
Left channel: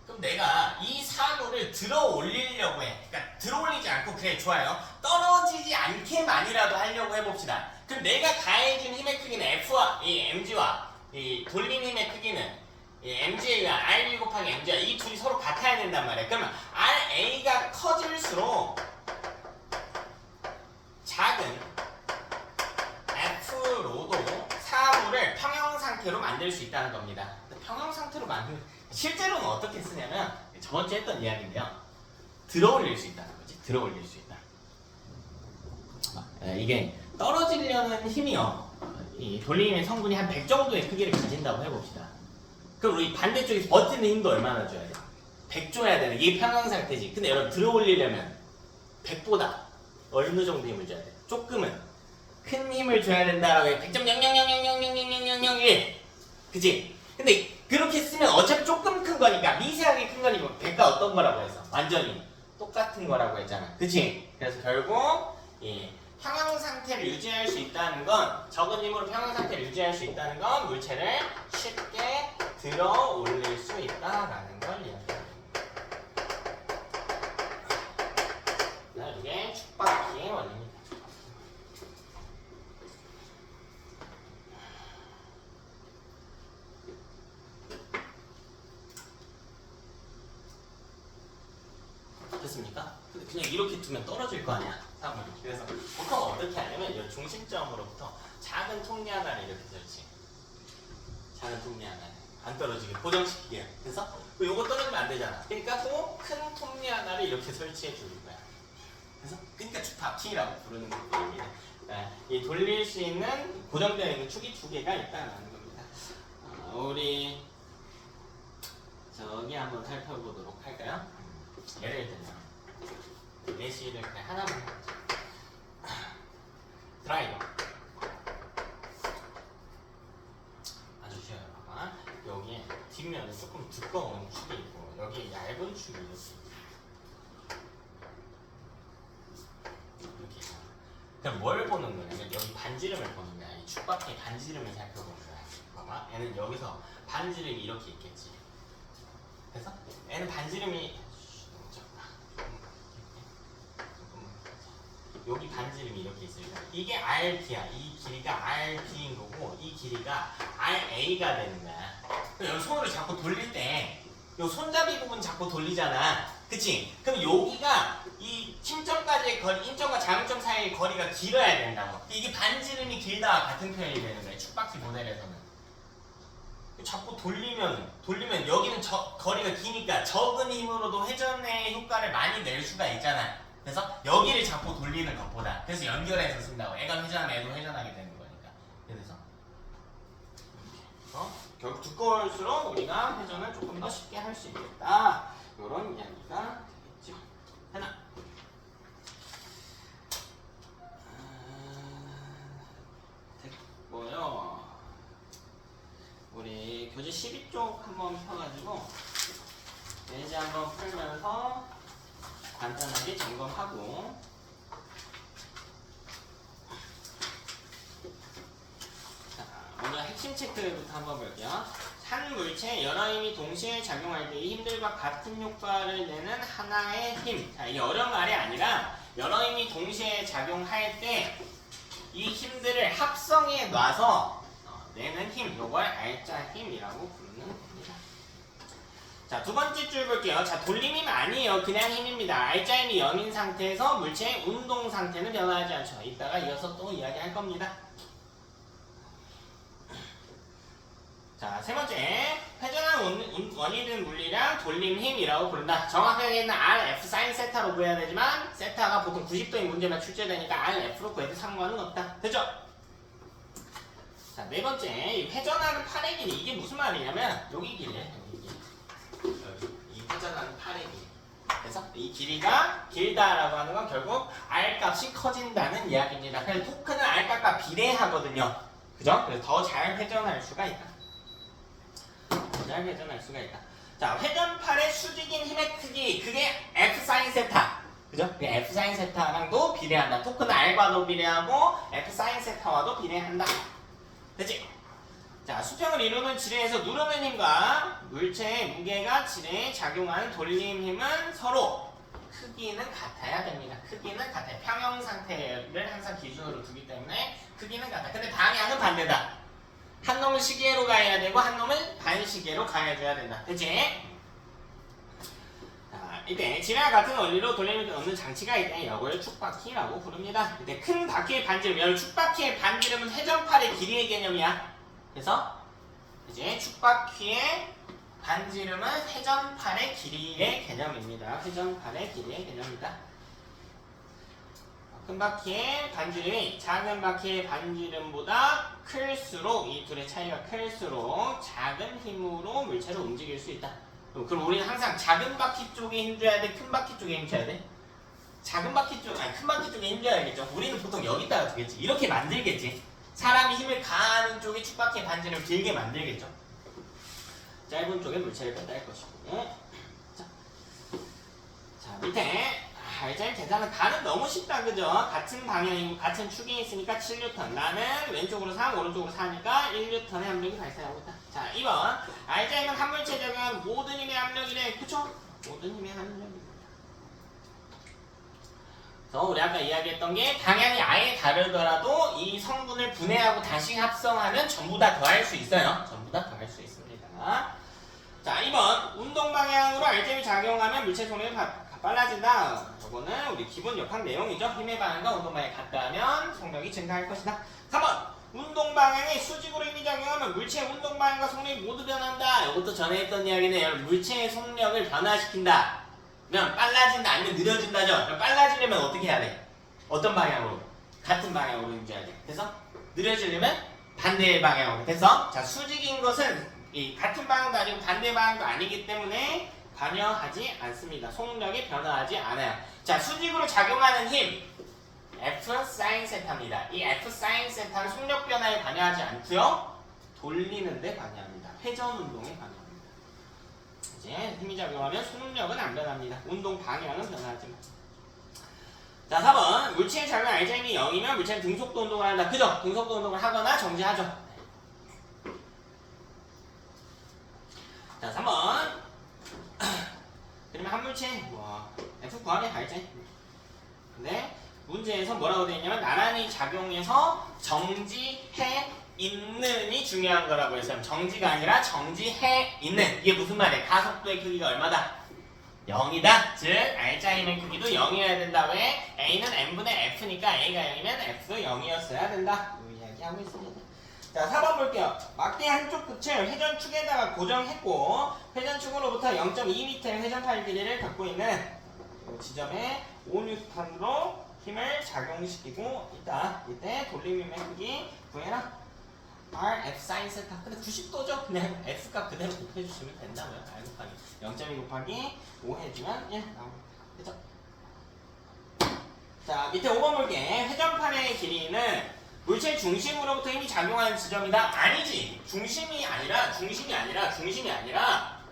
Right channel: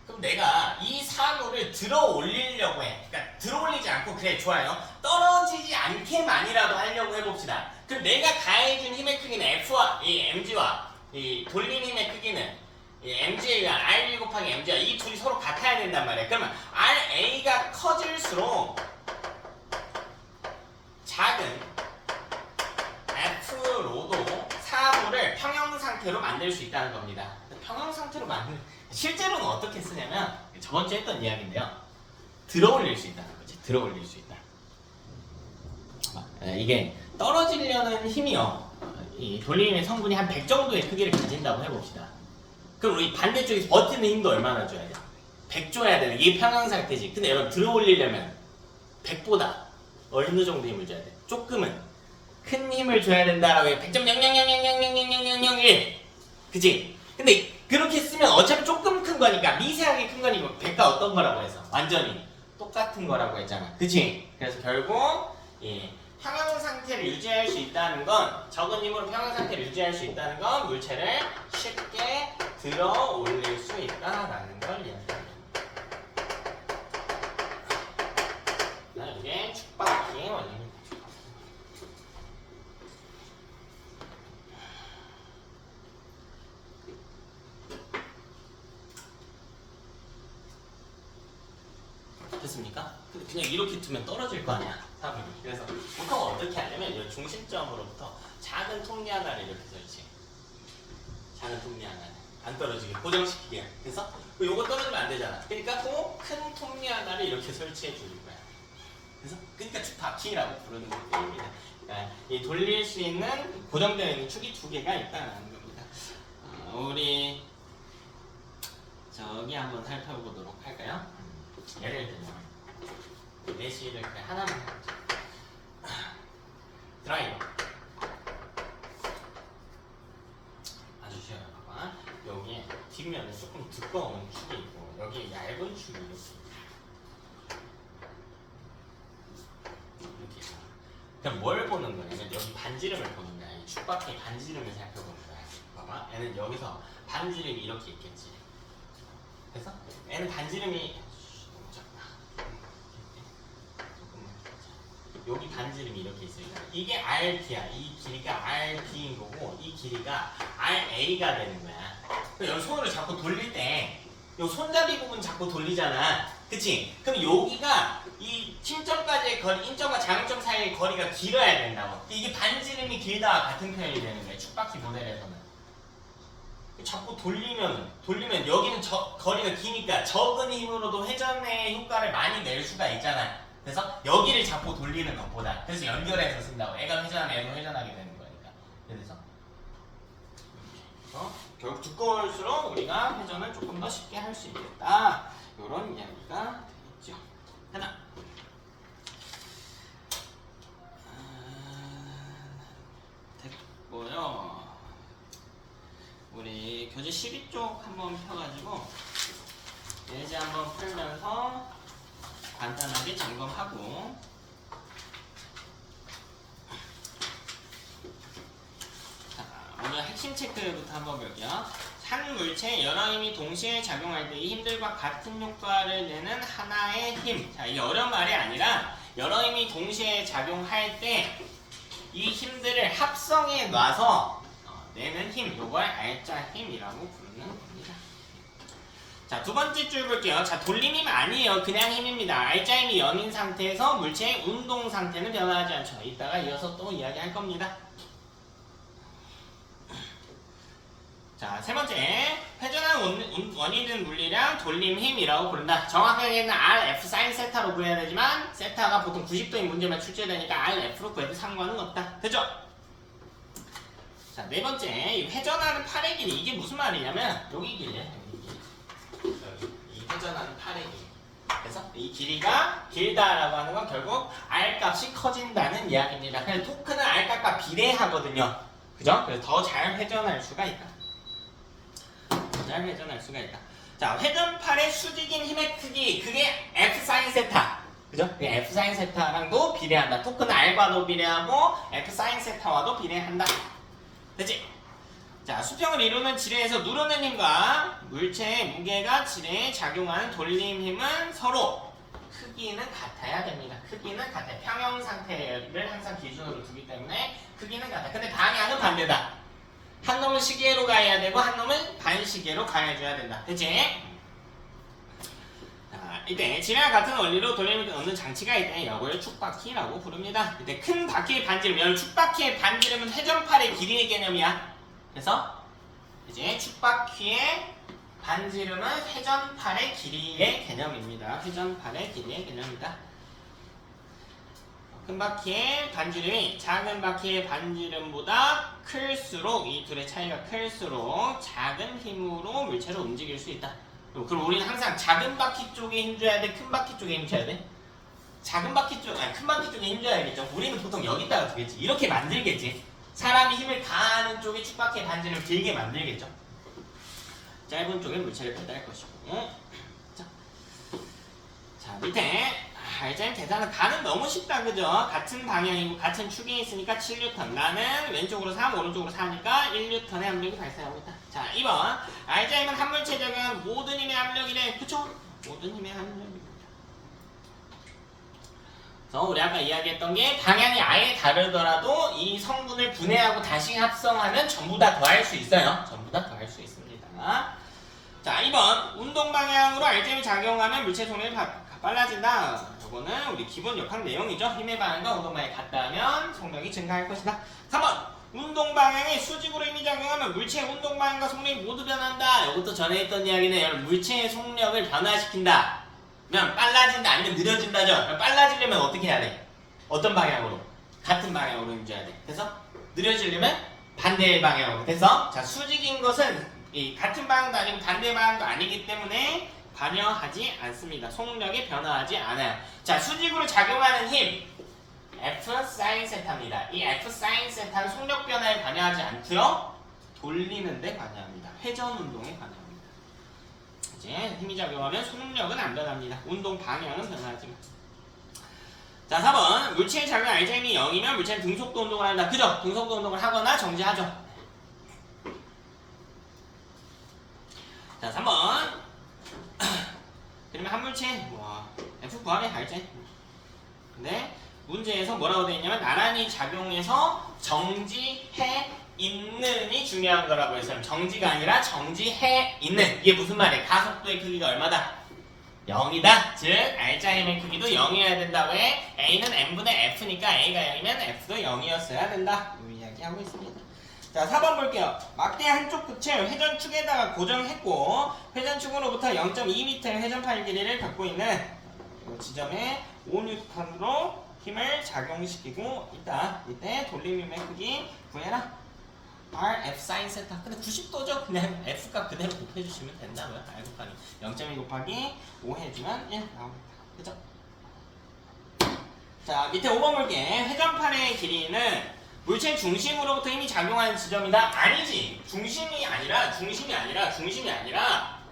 그럼 내가 이 사물을 들어 올리려고 해. 그러니까 들어 올리지 않고 그래 좋아요. 떨어지지 않게만이라도 하려고 해봅시다. 그럼 내가 가해준 힘의 크기는 F와 이 MG와 이 돌린 힘의 크기는 이 MG가 RB 곱하기 MG가 이 둘이 서로 같아야 된단 말이야. 그러면 RA가 커질수록 작은 F로도 사물을 평형 상태로 만들 수 있다는 겁니다. 평형 상태로 만드는 실제로는 어떻게 쓰냐면 저번 주에 했던 이야기인데요. 들어 올릴 수 있다는 거지. 들어 올릴 수 있다. 이게 떨어지려는 힘이요. 이 돌림의 성분이 한 100 정도의 크기를 가진다고 해봅시다. 그럼 우리 반대쪽에서 버티는 힘도 얼마나 줘야 돼? 100 줘야 되는 이게 평형 상태지. 근데 여러분 들어 올리려면 100보다 어느 정도 힘을 줘야 돼? 조금은 큰 힘을 줘야 된다라고 해. 100.000000001 그치? 근데 그렇게 쓰면 어차피 조금 큰 거니까 미세하게 큰 거니까 100과 어떤 거라고 해서 완전히 똑같은 거라고 했잖아. 그치? 그래서 결국 예, 평형 상태를 유지할 수 있다는 건 적은 힘으로 평형 상태를 유지할 수 있다는 건 물체를 쉽게 들어 올릴 수 있다라는 걸 이야기합니다. 이게 축박기의 원리입니다. 됐습니까? 근데 그냥 이렇게 두면 떨어질 거 아니야. 그래서 보통 어떻게 하냐면 이 중심점으로부터 작은 톱니 하나를 이렇게 설치. 작은 톱니 하나 안 떨어지게 고정시키게. 그래서 요거 떨어지면 안 되잖아. 그러니까 또 큰 톱니 하나를 이렇게 설치해 주는 거야. 그래서 그러니까 축바킹이라고 부르는 겁니다. 그러니까 이 돌릴 수 있는 고정되어 있는 축이 두 개가 있다는 겁니다. 우리 저기 한번 살펴보도록 할까요? 예를 들면 내시를 그냥 하나만 해보자. 드라이버 아주 쉬워요. 봐봐. 여기에 뒷면에 조금 두꺼운 축이 있고 여기에 얇은 축이 있어. 그럼 뭘 보는 거냐면 여기 반지름을 보는 거야. 이 축바퀴 반지름을 살펴보는 거야. 봐봐. 얘는 여기서 반지름이 이렇게 있겠지. 그래서 얘는 반지름이 여기 반지름이 이렇게 있으니까 이게 RP야. 이 길이가 RP인 거고 이 길이가 RA가 되는 거야. 그럼 여기 손으로 자꾸 돌릴 때 이 손잡이 부분 자꾸 돌리잖아. 그치? 그럼 여기가 이 침점까지의 거리, 인점과 장점 사이의 거리가 길어야 된다고. 이게 반지름이 길다와 같은 표현이 되는 거야. 축바퀴 모델에서는. 자꾸 돌리면 여기는 거리가 기니까 적은 힘으로도 회전의 효과를 많이 낼 수가 있잖아. 그래서 여기를 자꾸 돌리는 것보다 그래서 연결해서 쓴다고. 애가 회전하면 애도 회전하게 되는 거니까. 그래서 결국 두꺼울수록 우리가 회전을 조금 더 쉽게 할 수 있겠다. 이런 이야기가 되겠죠. 하나. 됐고요. 우리 교재 12쪽 한번 펴가지고 예제 한번 풀면서 간단하게 점검하고 자, 오늘 핵심 체크부터 한번 볼게요. 한 물체에 여러 힘이 동시에 작용할 때 이 힘들과 같은 효과를 내는 하나의 힘. 자, 이게 어려운 말이 아니라 여러 힘이 동시에 작용할 때 이 힘들을 합성해 놔서 내는 힘, 이걸 알짜 힘이라고 부르는 겁니다. 자, 두 번째 줄 볼게요. 자, 돌림 힘 아니에요. 그냥 힘입니다. 알짜 힘이 0인 상태에서 물체의 운동 상태는 변화하지 않죠. 이따가 이어서 또 이야기할 겁니다. 자, 세 번째, 회전하는 원이든 물리량 돌림 힘이라고 부른다. 정확하게는 RF 사인 세타로 구해야 되지만 세타가 보통 90도인 문제만 출제되니까 RF로 구해도 상관은 없다. 됐죠? 자, 네 번째, 이 회전하는 팔의 길이. 이게 무슨 말이냐면 여기 길이에요. 여기 길이. 이 회전하는 팔의 길이. 그래서 이 길이가 길다라고 하는 건 결국 R 값이 커진다는 이야기입니다. 그래서 토크는 R 값과 비례하거든요. 그죠? 그래서 더 잘 회전할 수가 있다. 잘 회전할 수가 있다. 자, 회전팔의 수직인 힘의 크기, 그게 F 사인 세타. 그죠? 그게 F 사인 세타랑도 비례한다. 토크는 R과도 비례하고 F 사인 세타와도 비례한다. 됐지? 자, 수평을 이루는 지뢰에서 누르는 힘과 물체의 무게가 지뢰에 작용하는 돌림 힘은 서로 크기는 같아야 됩니다. 크기는 같아요. 평형 상태를 항상 기준으로 두기 때문에 크기는 같아. 근데 방향은 반대다. 한 놈은 시계로 가야 되고 한 놈은 반시계로 가야줘야 된다. 됐지? 자, 이때 지뢰와 같은 원리로 돌림을 얻는 장치가 있다. 이걸 축바퀴라고 부릅니다. 이때 큰 바퀴의 반지름, 여기 축바퀴의 반지름은 회전팔의 길이의 개념이야. 그래서 이제 축바퀴의 반지름은 회전팔의 길이의 개념입니다. 회전팔의 길이의 개념입니다. 큰 바퀴의 반지름이 작은 바퀴의 반지름보다 클수록, 이 둘의 차이가 클수록 작은 힘으로 물체를 움직일 수 있다. 그럼 우리는 항상 작은 바퀴 쪽에 힘줘야 돼? 큰 바퀴 쪽에 힘줘야 돼? 작은 바퀴 쪽, 아니 큰 바퀴 쪽에 힘줘야겠죠. 우리는 보통 여기다가 두겠지. 이렇게 만들겠지. 사람이 힘을 가하는 쪽에 축바퀴의 반지름 길게 만들겠죠. 짧은 쪽에 물체를 배달할 것이고. 자, 밑에 알자임 계산은 가는 너무 쉽다, 그죠? 같은 방향이고 같은 축이 있으니까 7N. 나는 왼쪽으로 3, 오른쪽으로 4니까 1N의 압력이 발생하고 있다. 자, 2번. 알자임은 한 물체에 적용한 모든 힘의 압력이래. 그쵸? 모든 힘의 압력. 그래서 우리 아까 이야기했던 게 방향이 아예 다르더라도 이 성분을 분해하고 다시 합성하면 전부 다 더할 수 있어요. 전부 다 더할 수 있습니다. 자, 2번. 운동 방향으로 알자임이 작용하면 물체 속력이 빨라진다. 이거는 우리 기본 역학 내용이죠. 힘의 방향과 운동 방향이 같다면 속력이 증가할 것이다. 3번. 운동 방향에 수직으로 힘이 작용하면 물체의 운동 방향과 속력이 모두 변한다. 이것도 전에 했던 이야기는 물체의 속력을 변화시킨다. 그냥 빨라진다 아니면 느려진다죠. 그럼 빨라지려면 어떻게 해야 돼? 어떤 방향으로? 같은 방향으로 움직여야 돼. 그래서 느려지려면 반대의 방향으로. 그래서 자, 수직인 것은 이 같은 방향도 아니고 반대 방향도 아니기 때문에 관여하지 않습니다. 속력이 변화하지 않아요. 자, 수직으로 작용하는 힘 F 사인 세타입니다. 이 F 사인 세타는 속력 변화에 관여하지 않고요. 돌리는 데 관여합니다. 회전 운동에 관여합니다. 이제 힘이 작용하면 속력은 안 변합니다. 운동 방향은 변하지만. 자, 4번. 물체의 작용 알자임이 0이면 물체는 등속도 운동을 한다. 그죠? 등속도 운동을 하거나 정지하죠. 자, 3번. 그러면 한 물체 F 구하면 알지? 근데 문제에서 뭐라고 되어 있냐면 나란히 작용해서 정지해 있는이 중요한 거라고 해서 정지가 아니라 정지해 있는. 이게 무슨 말이야? 가속도의 크기가 얼마다? 0이다. 즉 알자임의 크기도 0이어야 된다. 왜? A는 n분의 F니까 A가 0이면 F도 0이었어야 된다. 이 이야기하고 있습니다. 자, 4번 볼게요. 막대 한쪽 끝을 회전축에다가 고정했고 회전축으로부터 0.2m의 회전팔 길이를 갖고 있는 지점에 5N으로 힘을 작용시키고 있다. 이때 돌림힘의 크기 구해라. R, F 사인 세타. 근데 90도죠? 그냥 F값 그대로 곱해주시면 된다고요. R 곱하기 0.2 곱하기 5 해주면 1 나옵니다. 그죠? 자, 밑에 5번 볼게. 회전판의 길이는 물체 중심으로부터 힘이 작용하는 지점이다. 아니지. 중심이 아니라 회전축으로. 중심이 아니라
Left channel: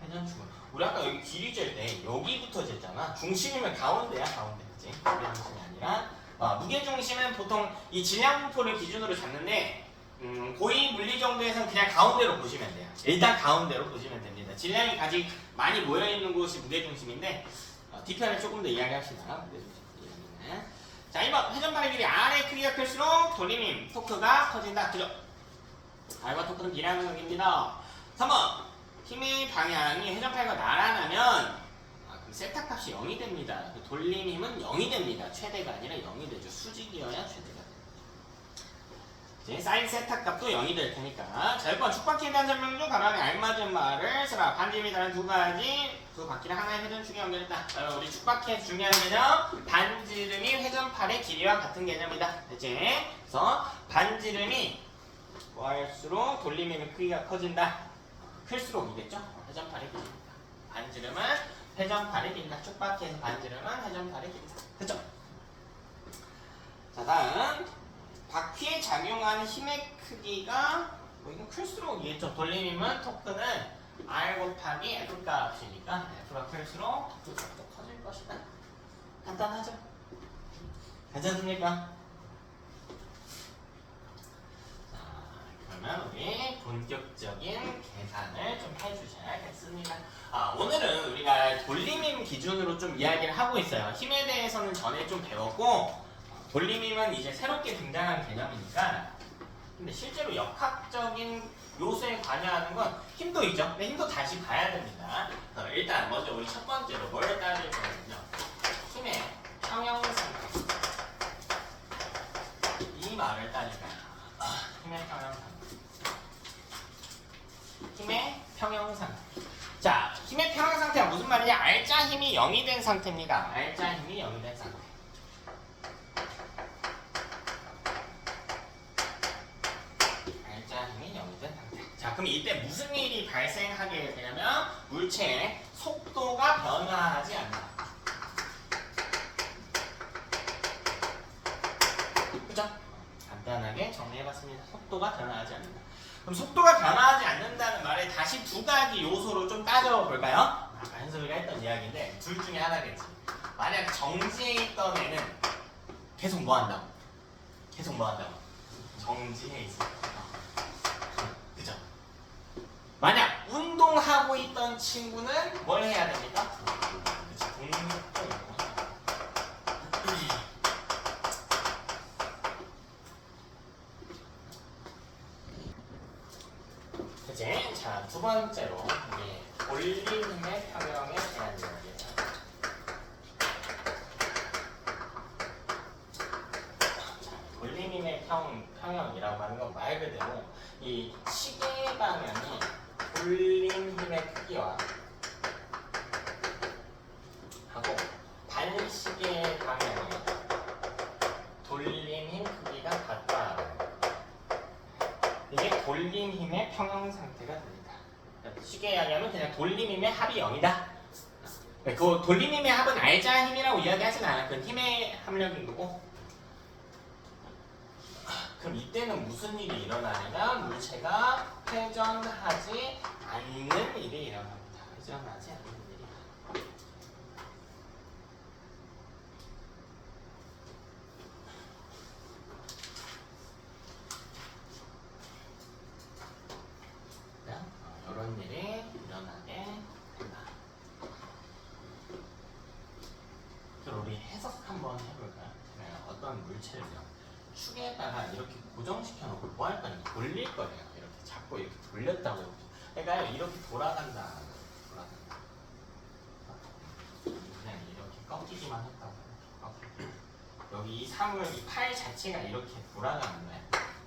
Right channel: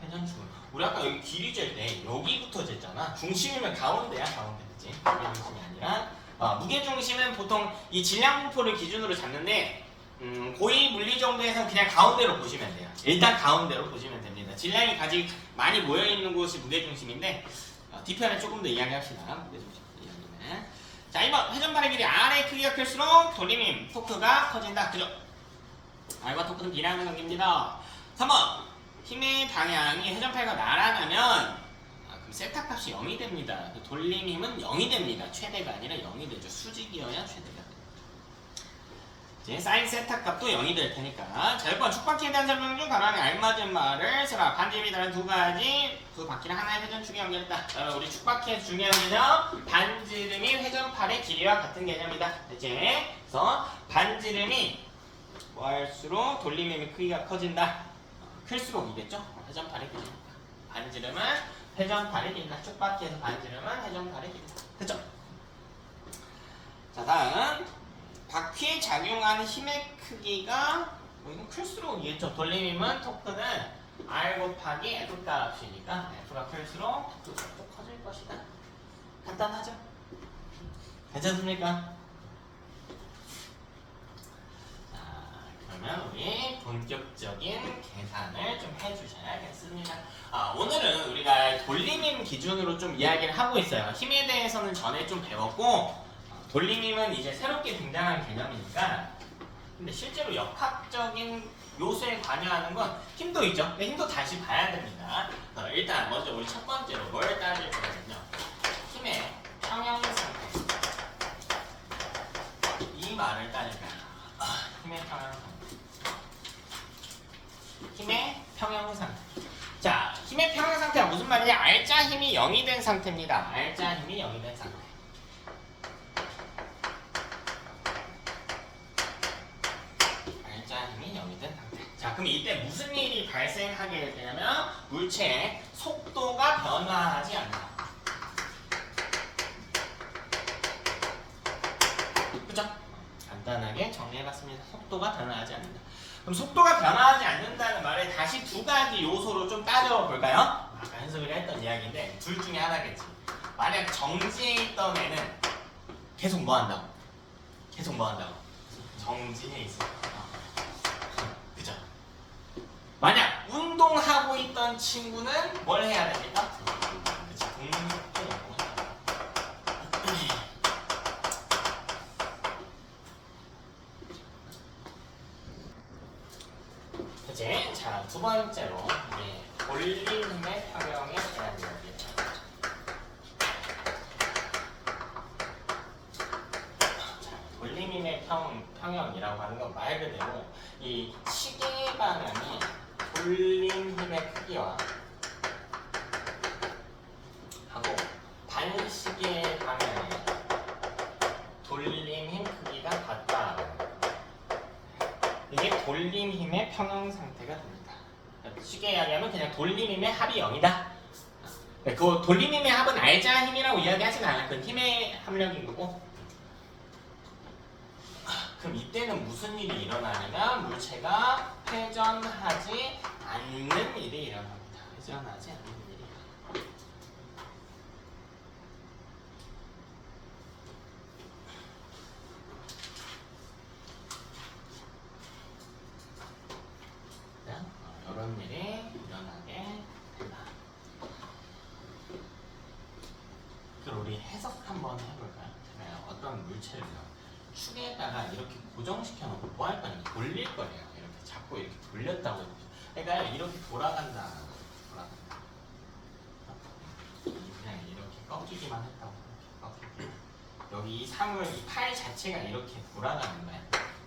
회전축으로. 우리 아까 여기 길이 잴 때 여기부터 쟀잖아. 중심이면 가운데야, 가운데. 그치? 무게중심이 아니라. 무게중심은 보통 이 질량분포를 기준으로 잡는데 고위 물리 정도에서는 그냥 가운데로 보시면 돼요. 일단 가운데로 보시면 됩니다. 질량이 가장 많이 모여있는 곳이 무게중심인데 뒤편에 조금 더 이야기합시다. 무게중심 이야기는. 자, 2번 회전발의 길이 R의 크기가 클수록 돌림힘, 토크가 커진다. 그죠? R과 토크는 비례하는 관계입니다. 3번 힘의 방향이 회전팔과 나란하면 그럼 세타 값이 0이 됩니다. 돌림힘은 0이 됩니다. 최대가 아니라 0이 되죠. 수직이어야 최대가 됩니다. 이제 사인 세타 값도 0이 될 테니까. 자, 1번 축바퀴에 대한 설명 중 가만히 알맞은 말을 쓰라. 반지름이 다른 두 가지 두 바퀴를 하나의 회전축에 연결했다. 자, 우리 축바퀴의 중요한 개념, 반지름이 회전팔의 길이와 같은 개념이다. 됐지? 그래서 반지름이 뭐할수록 돌림의 크기가 커진다. 클수록이겠죠? 회전팔의 길이. 반지름은 회전팔의 길이다. 축바퀴에서 반지름은 회전팔의 길이다. 됐죠? 자, 다음 바퀴에 작용하는 힘의 크기가 이건 클수록이겠죠. 돌림이면 토크는 R 곱하기 F 값이니까 F가 클수록 또 커질 것이다. 간단하죠? 괜찮습니까? 그러면 우리 본격적인 계산을 좀 해주셔야겠습니다. 오늘은 우리가 돌림힘 기준으로 좀 이야기를 하고 있어요. 힘에 대해서는 전에 좀 배웠고 돌림힘은 이제 새롭게 등장한 개념이니까. 근데 실제로 역학적인 요소에 관여하는 건 힘도 있죠. 근데 힘도 다시 봐야 됩니다. 일단 먼저 우리 첫 번째로 뭘 따질 거거든요. 힘의 평형상태. 이 말을 따질까요? 힘의 평형상태. 힘의 평형상태. 자, 힘의 평형상태가 무슨 말이냐? 알짜 힘이 0이 된 상태입니다. 알짜 힘이 0이 된 상태. 알짜 힘이 0이 된 상태. 자, 그럼 이때 무슨 일이 발생하게 되냐면 물체의 속도가 변화하지 않는다. 그죠? 간단하게 정리해봤습니다. 속도가 변화하지 않는다. 그럼 속도가 변화하지 않는다는 말에 다시 두 가지 요소로 좀 따져볼까요? 아까 현석이가 했던 이야기인데 둘 중에 하나겠지. 만약 정지해 있던 애는 계속 뭐 한다고? 계속 뭐 한다고? 정지해 있어. 그죠? 만약 운동하고 있던 친구는 뭘 해야 됩니까? 그치? 동속도 이제 자, 두 번째로 돌림힘의 평형에 대한 이야기예요. 돌림힘의 평형이라고 하는 건 말 그대로 이 시계 방향이 돌림힘의 크기와 하고 반시계 방향의 돌림힘 크기가 같다. 이게 돌림힘의 평형 상태가 됩니다. 쉽게 이야기하면 그냥 돌림힘의 합이 0이다. 그 돌림힘의 합은 알짜 힘이라고 이야기하진 않아요. 그건 힘의 함량인 거고. 그럼 이때는 무슨 일이 일어나냐면 물체가 회전하지 않는 일이 일어납니다. 회전하지 않는 일이. 이런 일이 일어나게 된다. 그럼 우리 해석 한번 해볼까요? 어떤 물체를요 축에다가 이렇게 고정시켜 놓고 뭐 할 거냐? 돌릴 거예요. 이렇게 자꾸 이렇게 돌렸다고. 그러니까 이렇게 돌아간다. 돌아간다. 그냥 이렇게 꺾이기만 했다고. 이렇게 꺾이기. 여기 이 사물, 이 팔 자체가 이렇게 돌아가는 거야.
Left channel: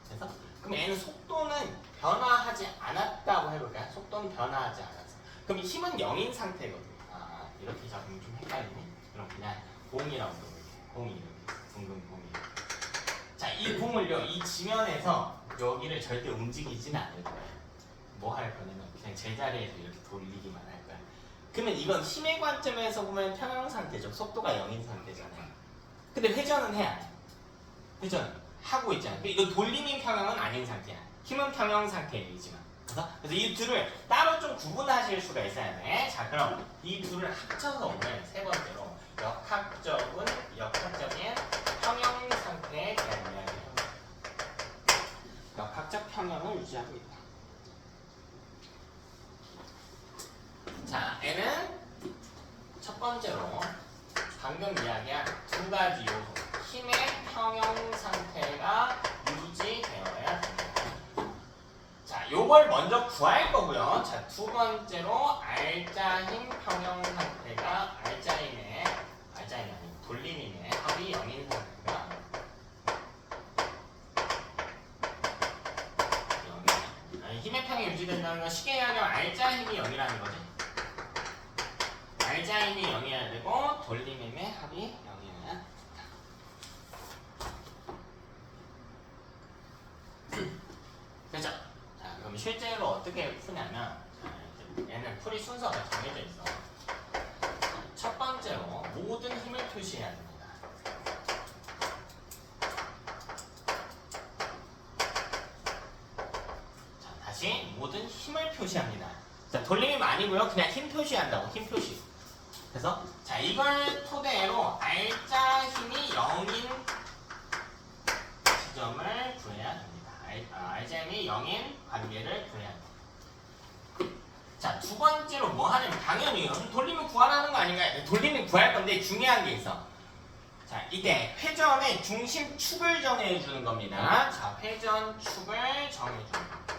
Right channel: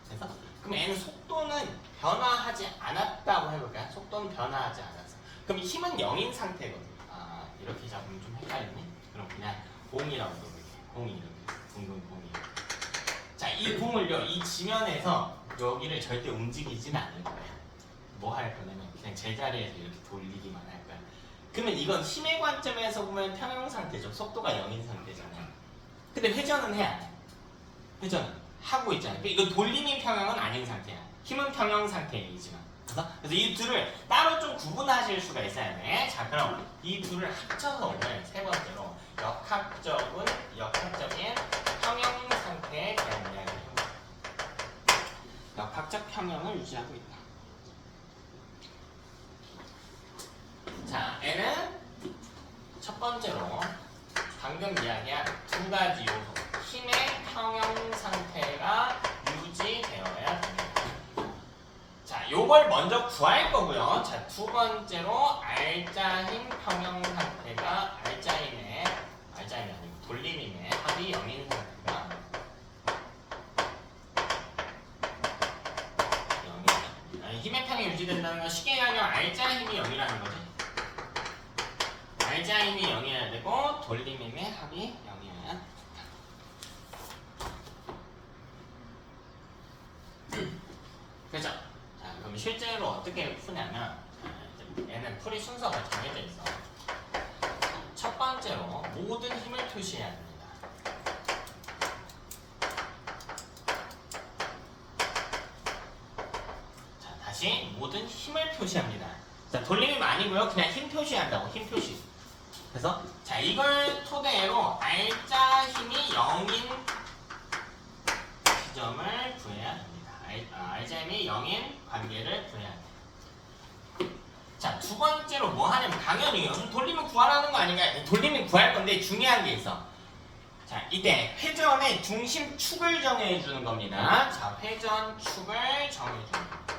그래서 그럼 얘는 속도는 변화하지 않았다고 해볼까요? 속도는 변화하지 않았어. 그럼 이 힘은 0인 상태거든요. 이렇게 잡으면 좀 헷갈리네. 그럼 그냥 공이라고 부를게요. 공이 이렇게 둥근 공이. 자, 이 공을요, 이 지면에서 여기를 절대 움직이지는 않을 거예요. 뭐 할 거냐면 그냥 제자리에서 이렇게 돌리기만 할 거예요. 그러면 이건 힘의 관점에서 보면 평형 상태죠. 속도가 0인 상태잖아요. 근데 회전은 해야 돼. 회전 하고 있잖아요. 이거 돌림인 평형은 아닌 상태야. 힘은 평형 상태이지만. 그래서 이 둘을 따로 좀 구분하실 수가 있어야 돼. 자, 그럼 이 둘을 합쳐서 오늘 세 번째로 역학적인 평형 상태에 대한 이야기입니다. 역학적 평형을 유지하고 있다. 자, N은 첫 번째로 방금 이야기한 두 가지 요소. 힘의 평형 상태가 유지되어야 됩니다. 자, 요걸 먼저 구할 거고요. 자, 두 번째로 알짜 힘 평형 상태가 알짜 힘의 돌림힘의 합이 0인 상태가 유지된다는 건 쉽게 얘기하면 알자 힘이 0이라는 거지. 알자 힘이 0이어야 되고 돌림힘의 합이 0이어야 된다. 그죠? 자, 그럼 실제로 어떻게 푸냐면 얘는 풀이 순서가 정해져 있어. 첫 번째로 모든 힘을 표시해야 됩니다. 다시 모든 힘을 표시합니다. 자, 돌림이 아니고요. 그냥 힘 표시한다고. 힘 표시. 그래서 자, 이걸 토대로 알자 힘이 0인 지점을 구해야 됩니다. 알자 힘이 0인 관계를 구해야 됩니다. 자, 두 번째로 뭐 하냐면 당연히 돌림을 구하라는 거 아닌가요? 돌림을 구할 건데 중요한 게 있어. 자, 이때 회전의 중심축을 정해주는 겁니다. 자, 회전축을 정해주는 겁니다.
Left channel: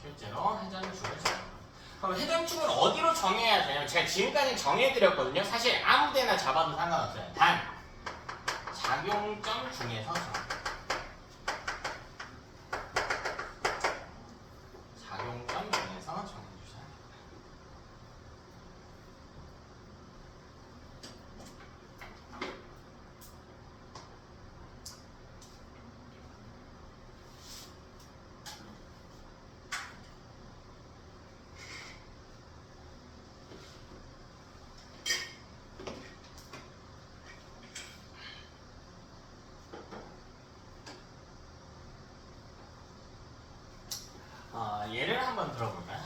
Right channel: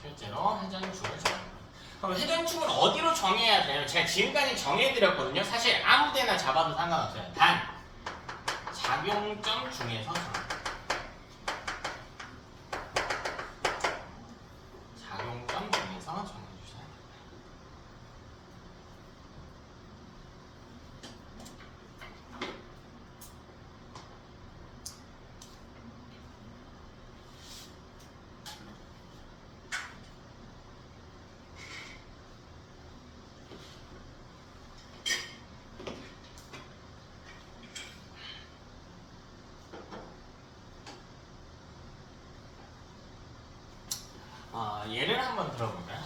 실제로 회전축을 정해요. 그럼 회전축을 어디로 정해야 되냐면 제가 지금까지 정해드렸거든요. 사실 아무데나 잡아도 상관없어요. 단 작용점 중에서 작용점 중에서 정해주셔야 됩니다. 예를 한번 들어볼까요?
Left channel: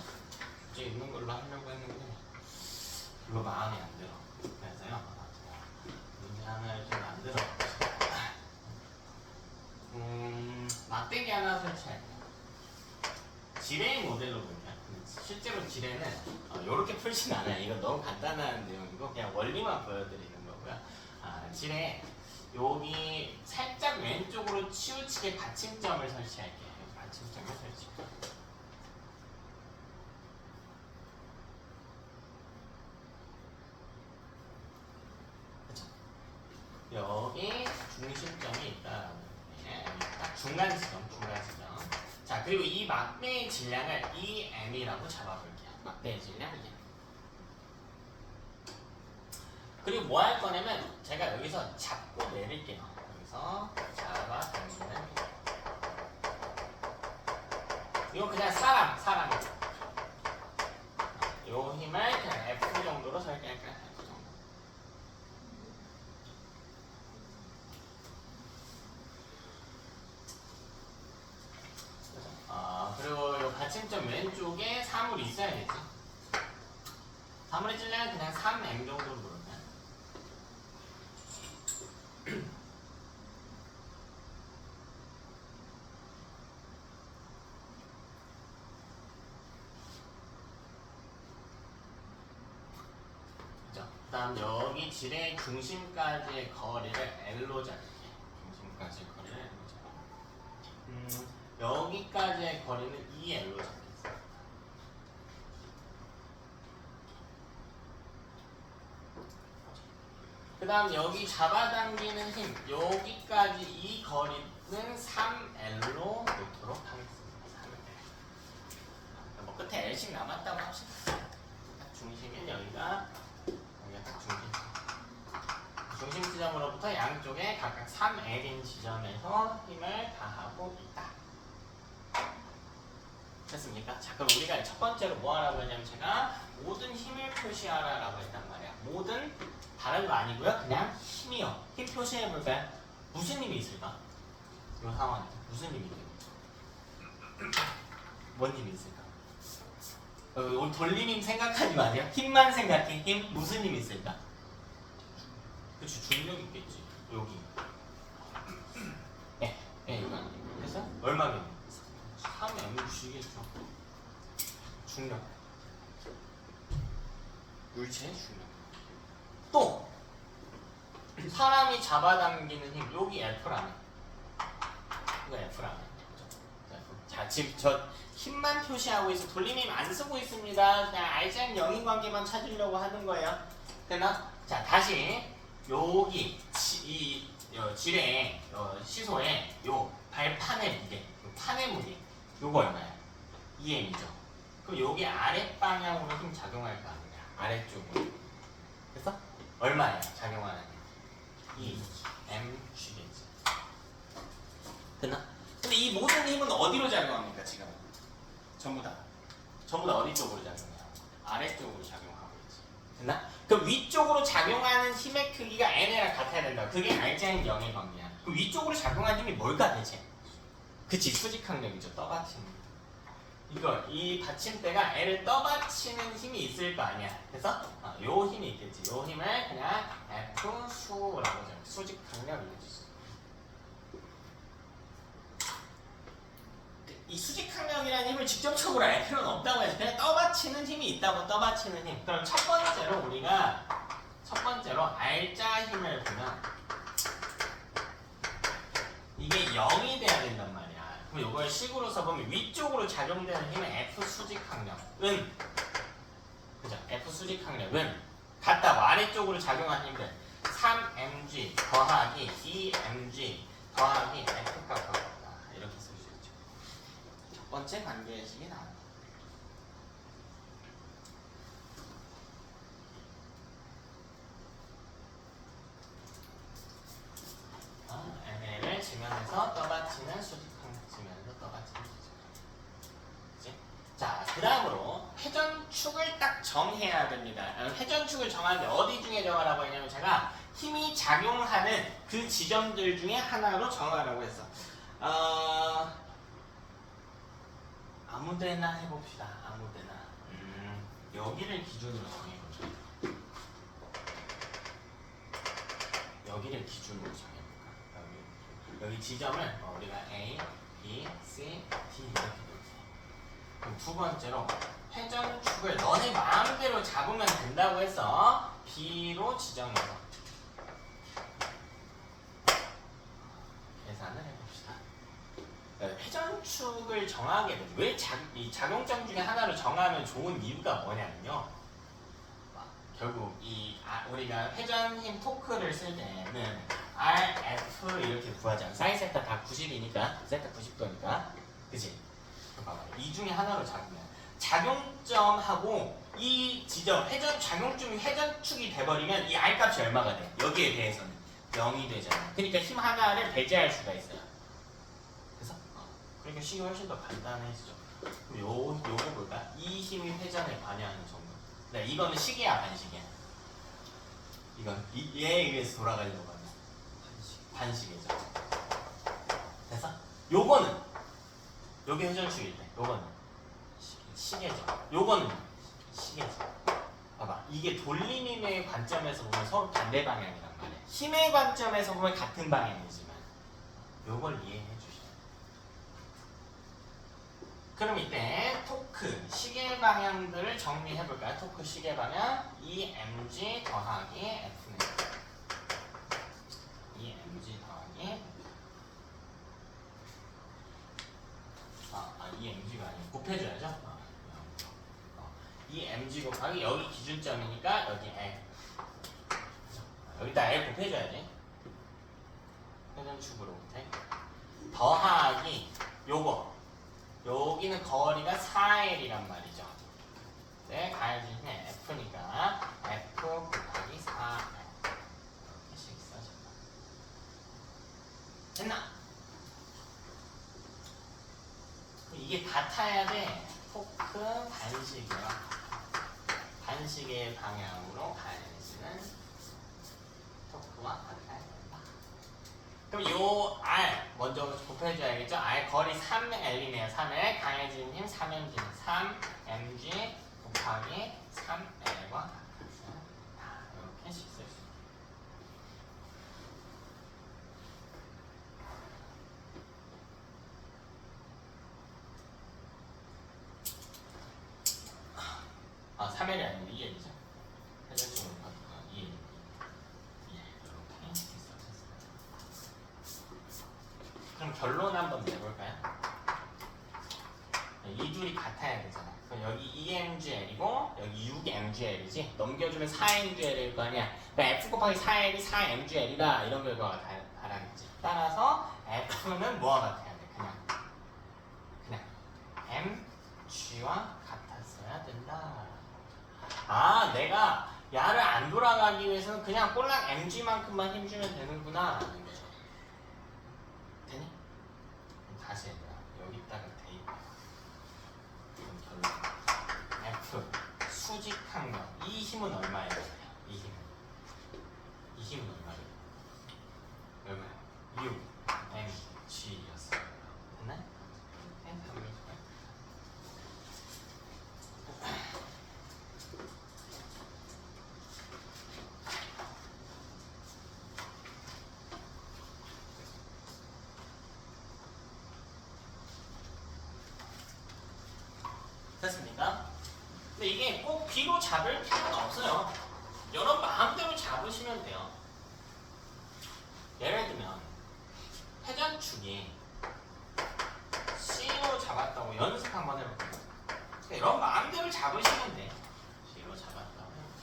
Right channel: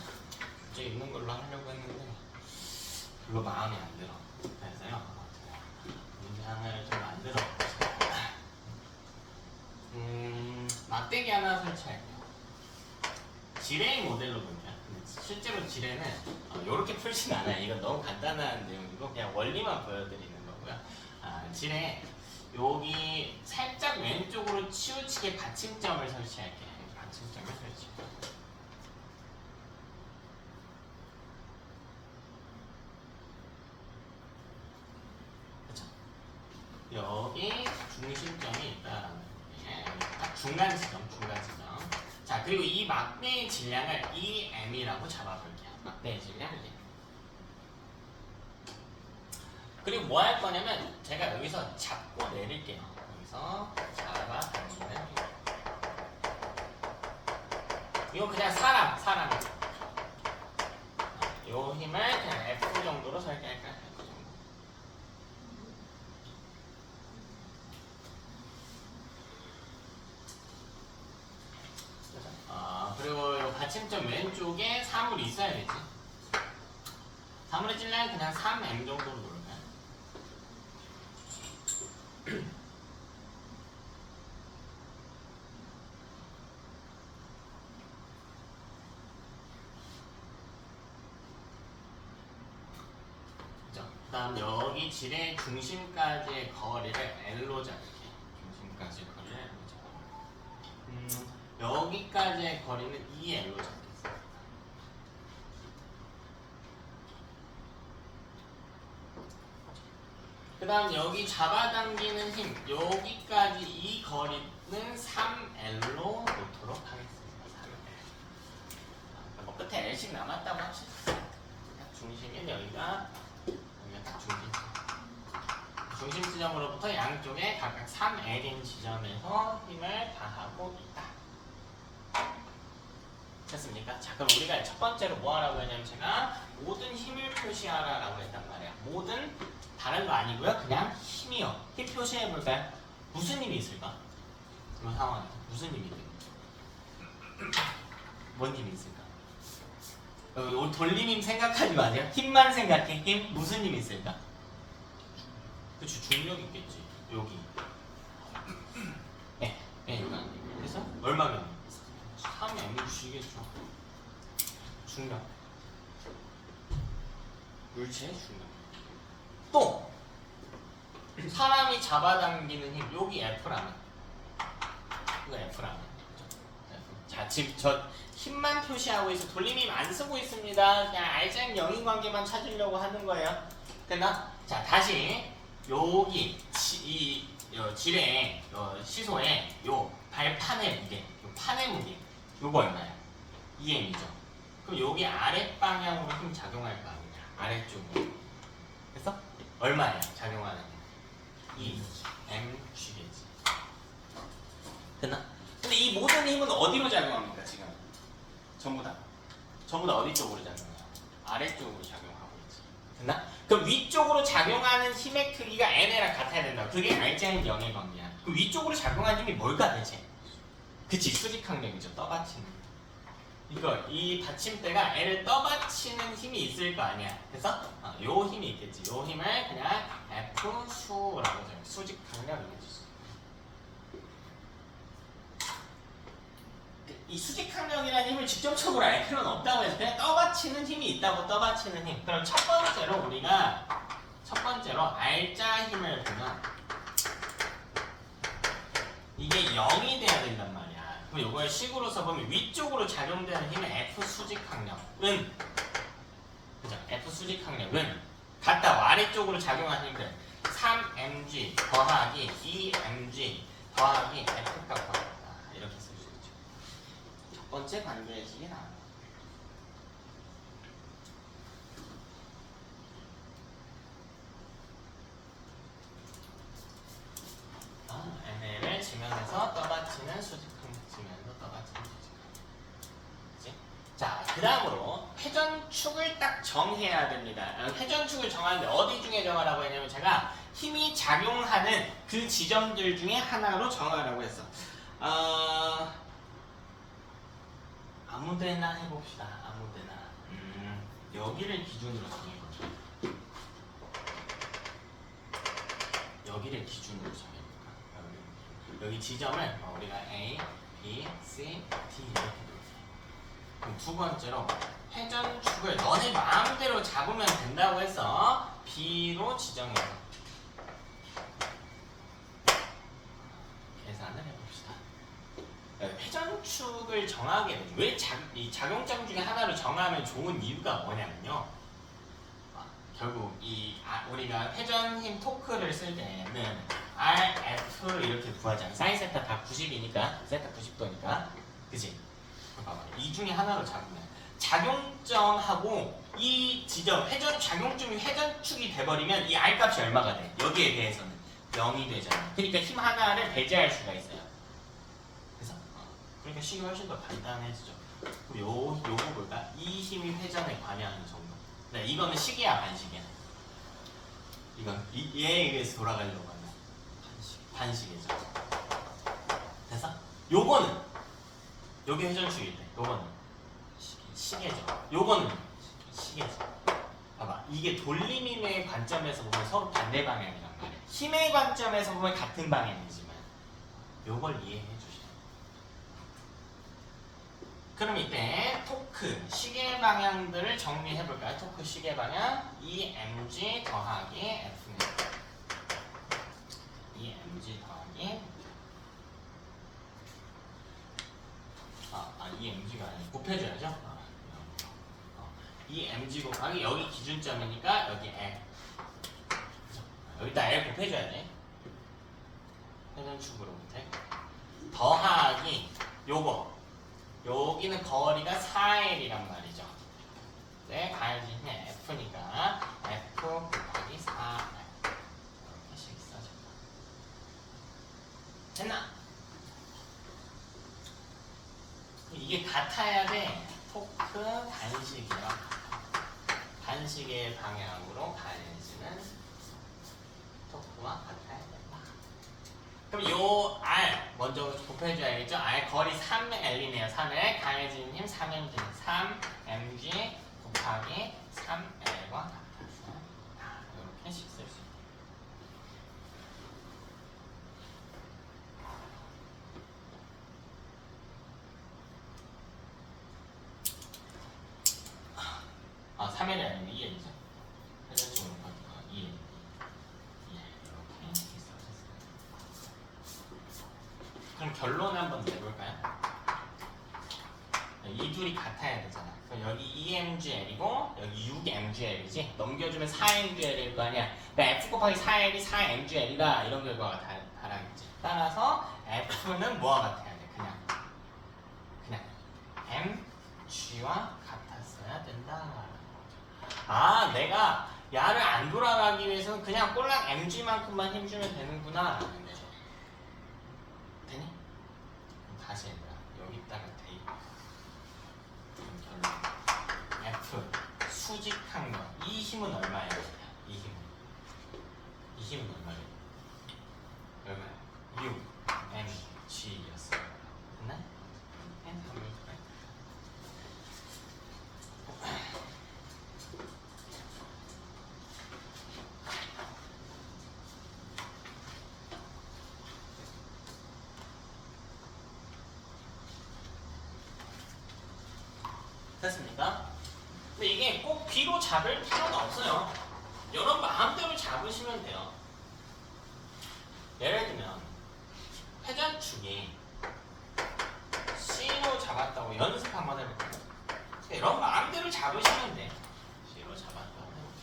이제 있는 걸로 하려고 했는데 별로 마음에 안 들어. 그래서요. 문제 하나를 좀 만들어 봅시다. 막대기 하나 설치할게요. 지뢰 모델로 볼게요. 실제로 지뢰는 이렇게 풀진 않아요. 이건 너무 간단한 내용이고 그냥 원리만 보여드리는 거고요. 지뢰 여기 살짝 왼쪽으로 치우치게 받침점을 설치할게요. 받침점을 설치. 여기 중심점이 있다라는 중간 지점. 자, 그리고 이 막대의 질량을 EM이라고 잡아볼게요. 막대의 질량 E. 그리고 뭐 할 거냐면 제가 여기서 잡고 내릴게요. 여기서 잡아 당기는 이거 그냥 사람. 요 힘을 그냥 F 정도로 설계할까요? 그리고 이 받침점 왼쪽에 3을 있어야겠지. 3을 찔려면 그냥 3M 정도로 놓을까요? 그죠? 그 다음 여기 지뢰 중심까지의 거리를 L로 잡을게요. 중심까지 거리를 L로 잡을게요. 여기까지의 거리는 2L로 잡겠습니다. 그 다음 여기 잡아당기는 힘 여기까지 이 거리는 3L로 놓도록 하겠습니다. 3L. 뭐 끝에 L씩 남았다고 합시다. 중심은 여기가 딱 중심 지점으로부터 양쪽에 각각 3L인 지점에서 힘을 다하고 있다. 됐습니까? 자, 그럼 우리가 첫 번째로 뭐 하라고 했냐면 제가 모든 힘을 표시하라라고 했단 말이야. 모든 다른 거 아니고요. 그냥 힘이요. 힘 표시해 볼까요? 무슨 힘이 있을까? 이 상황에서 무슨 힘이 있을까? 뭔 힘이 있을까? 돌림 힘 생각하지 마세요. 힘만 생각해. 힘 무슨 힘이 있을까? 그치, 중력 있겠지. 여기. 네, 여기. 그래서 얼마면? 3mg겠죠. 중력. 물체의 중력. 또 사람이 잡아당기는 힘. 여기 F라면. 이거 F라면. 자, 지금 저 힘만 표시하고 있어. 돌림힘 안 쓰고 있습니다. 그냥 알짱 영인 관계만 찾으려고 하는 거예요. 됐나? 자, 다시 여기 이 질의 시소의 요 발판의 무게, 요 판의 무게, 요거 얼마야? 2m이죠. 그럼 여기 아랫 방향으로 힘 작용할 거 아니야? 아래쪽으로. 그래서 얼마야? 작용하는 힘? 2mg겠지. 됐나? 근데 이 모든 힘은 어디로 작용합니까 지금? 전부 다 어디 쪽으로 작용해요? 아래쪽으로 작용하고 있지. 됐나? 그럼 위쪽으로 작용하는 힘의 크기가 n이랑 같아야 된다. 그게 알자인 0의 관계야. 그럼 위쪽으로 작용하는 힘이 뭘까 대체? 그치, 수직항력이죠. 떠받치는. 이 받침대가 n을 떠받치는 힘이 있을 거 아니야. 그래서 요 힘이 있겠지. 요 힘을 그냥 F 수라고 적어. 수직항력이겠지. 이 수직항력이라는 힘을 직접적으로 알 필요는 없다고 해서 그냥 떠받치는 힘이 있다고. 떠받치는 힘. 그럼 첫 번째로 우리가 알자 힘을 보면 이게 0이 돼야 된단 말이야. 그럼 이걸 식으로 써보면 위쪽으로 작용되는 힘은 F 수직항력은, 그죠? F 수직항력은 같다고. 아래쪽으로 작용하는 힘들 3mg 더하기 2mg 더하기 F가 같다. 이렇게 쓸 수 있죠. 첫 번째 관계의 식이 나온다. ML을 지면에서 떠받치는 수직항력, 지면에서 떠받치는 수직항력. 자, 그 다음으로 회전축을 딱 정해야 됩니다. 회전축을 정하는데 어디 중에 정하라고 했냐면 제가 힘이 작용하는 그 지점들 중에 하나로 정하라고 했어. 아무데나 해봅시다. 아무데나. 여기를 기준으로 정해보자. 여기를 기준으로 정해볼까? 여기 지점을 우리가 A, B, C, D 이렇게 놓을게요. 그럼 두 번째로 회전축을 너네 마음대로 잡으면 된다고 해서 B로 지정해서 계산을 해봅시다. 회전축을 정하게 되면 왜 이 작용점 중에 하나를 정하면 좋은 이유가 뭐냐면요. 결국 우리가 회전힘 토크를 쓸 때는 RF 이렇게 구하잖아. 사인 세타 다 90이니까 세타 90도니까, 그치? 봐봐, 이 중에 하나로 작용해. 작용점하고 이 지점 작용점이 회전축이 돼버리면 이 R 값이 얼마가 돼? 여기에 대해서는 0이 되잖아. 그러니까 힘 하나를 배제할 수가 있어요. 그래서 그러니까 식이 훨씬 더 간단해지죠. 그럼 요거 볼까? 이 힘이 회전에 관여하는 정도. 네, 이거는 식이야, 반식이야? 이건 얘에 의해서 돌아가려고 하는 반식이죠. 그래서 요거는 여기 회전축일 때 요거는 시계죠. 요거는 시계죠. 봐봐, 이게 돌림힘의 관점에서 보면 서로 반대 방향이란 말이야. 힘의 관점에서 보면 같은 방향이지만 요걸 이해해 주시면. 그럼 이때 토크 시계 방향들을 정리해 볼까요? 토크 시계 방향 EMG 더하기 F입니다. EMG 더하기 EMG가 아니고 곱해줘야죠. EMG 곱하기 여기 기준점이니까 여기 L. 여기다 L 곱해줘야지. 회전축으로 곱해. 더하기 요거. 여기는 거리가 4L이란 말이죠. 네, 가해지는 F니까 F 곱하기 4L. 이렇게씩 써준다. 됐나? 이게 같아야 돼. 토크 반시계와 반시계 방향으로 가해지는 토크와 같아야 된다. 그럼 요 R 먼저 곱해줘야겠죠? R 거리 3L이네요. 3L 가해지는 힘 3mg 3mg 곱하기 3L과 같다. 이렇게 식 쓸 수 있다. 아, 3L이 아니면 2L이죠. 회전축을 보니까 2L. 이렇게 써주세요. 그럼 결론 한번 내볼까요? 이 둘이 같아야 되잖아. 그럼 여기 2mgl이고 여기 6mgl이지. 넘겨주면 4mgl일 거 아니야. 그러니까 f 곱하기 4l이 4mgl이다. 이런 결과가 달하겠지. 따라서 f는 뭐와 같아야 돼? 그냥 mg와 같았어야 된다. 아, 내가 야를 안 돌아가기 위해서는 그냥 꼴랑 mg만큼만 힘주면 되는구나 라는 거죠. 되니? 그럼 다시 해보자. 여기다가 대입. 결론. F 수직항 거. 이 힘은 얼마예요? 이 힘은 얼마예요? 얼마예요? 6 mg였어요. 됐나? n 하면 됐습니까? 근데 이게 꼭 B로 잡을 필요가 없어요. 여러분 마음대로 잡으시면 돼요. 예를 들면 회전축이 C로 잡았다고 연습 한번 해볼게요. 여러분 마음대로 잡으시면 돼. C로 잡았다고 해볼게요.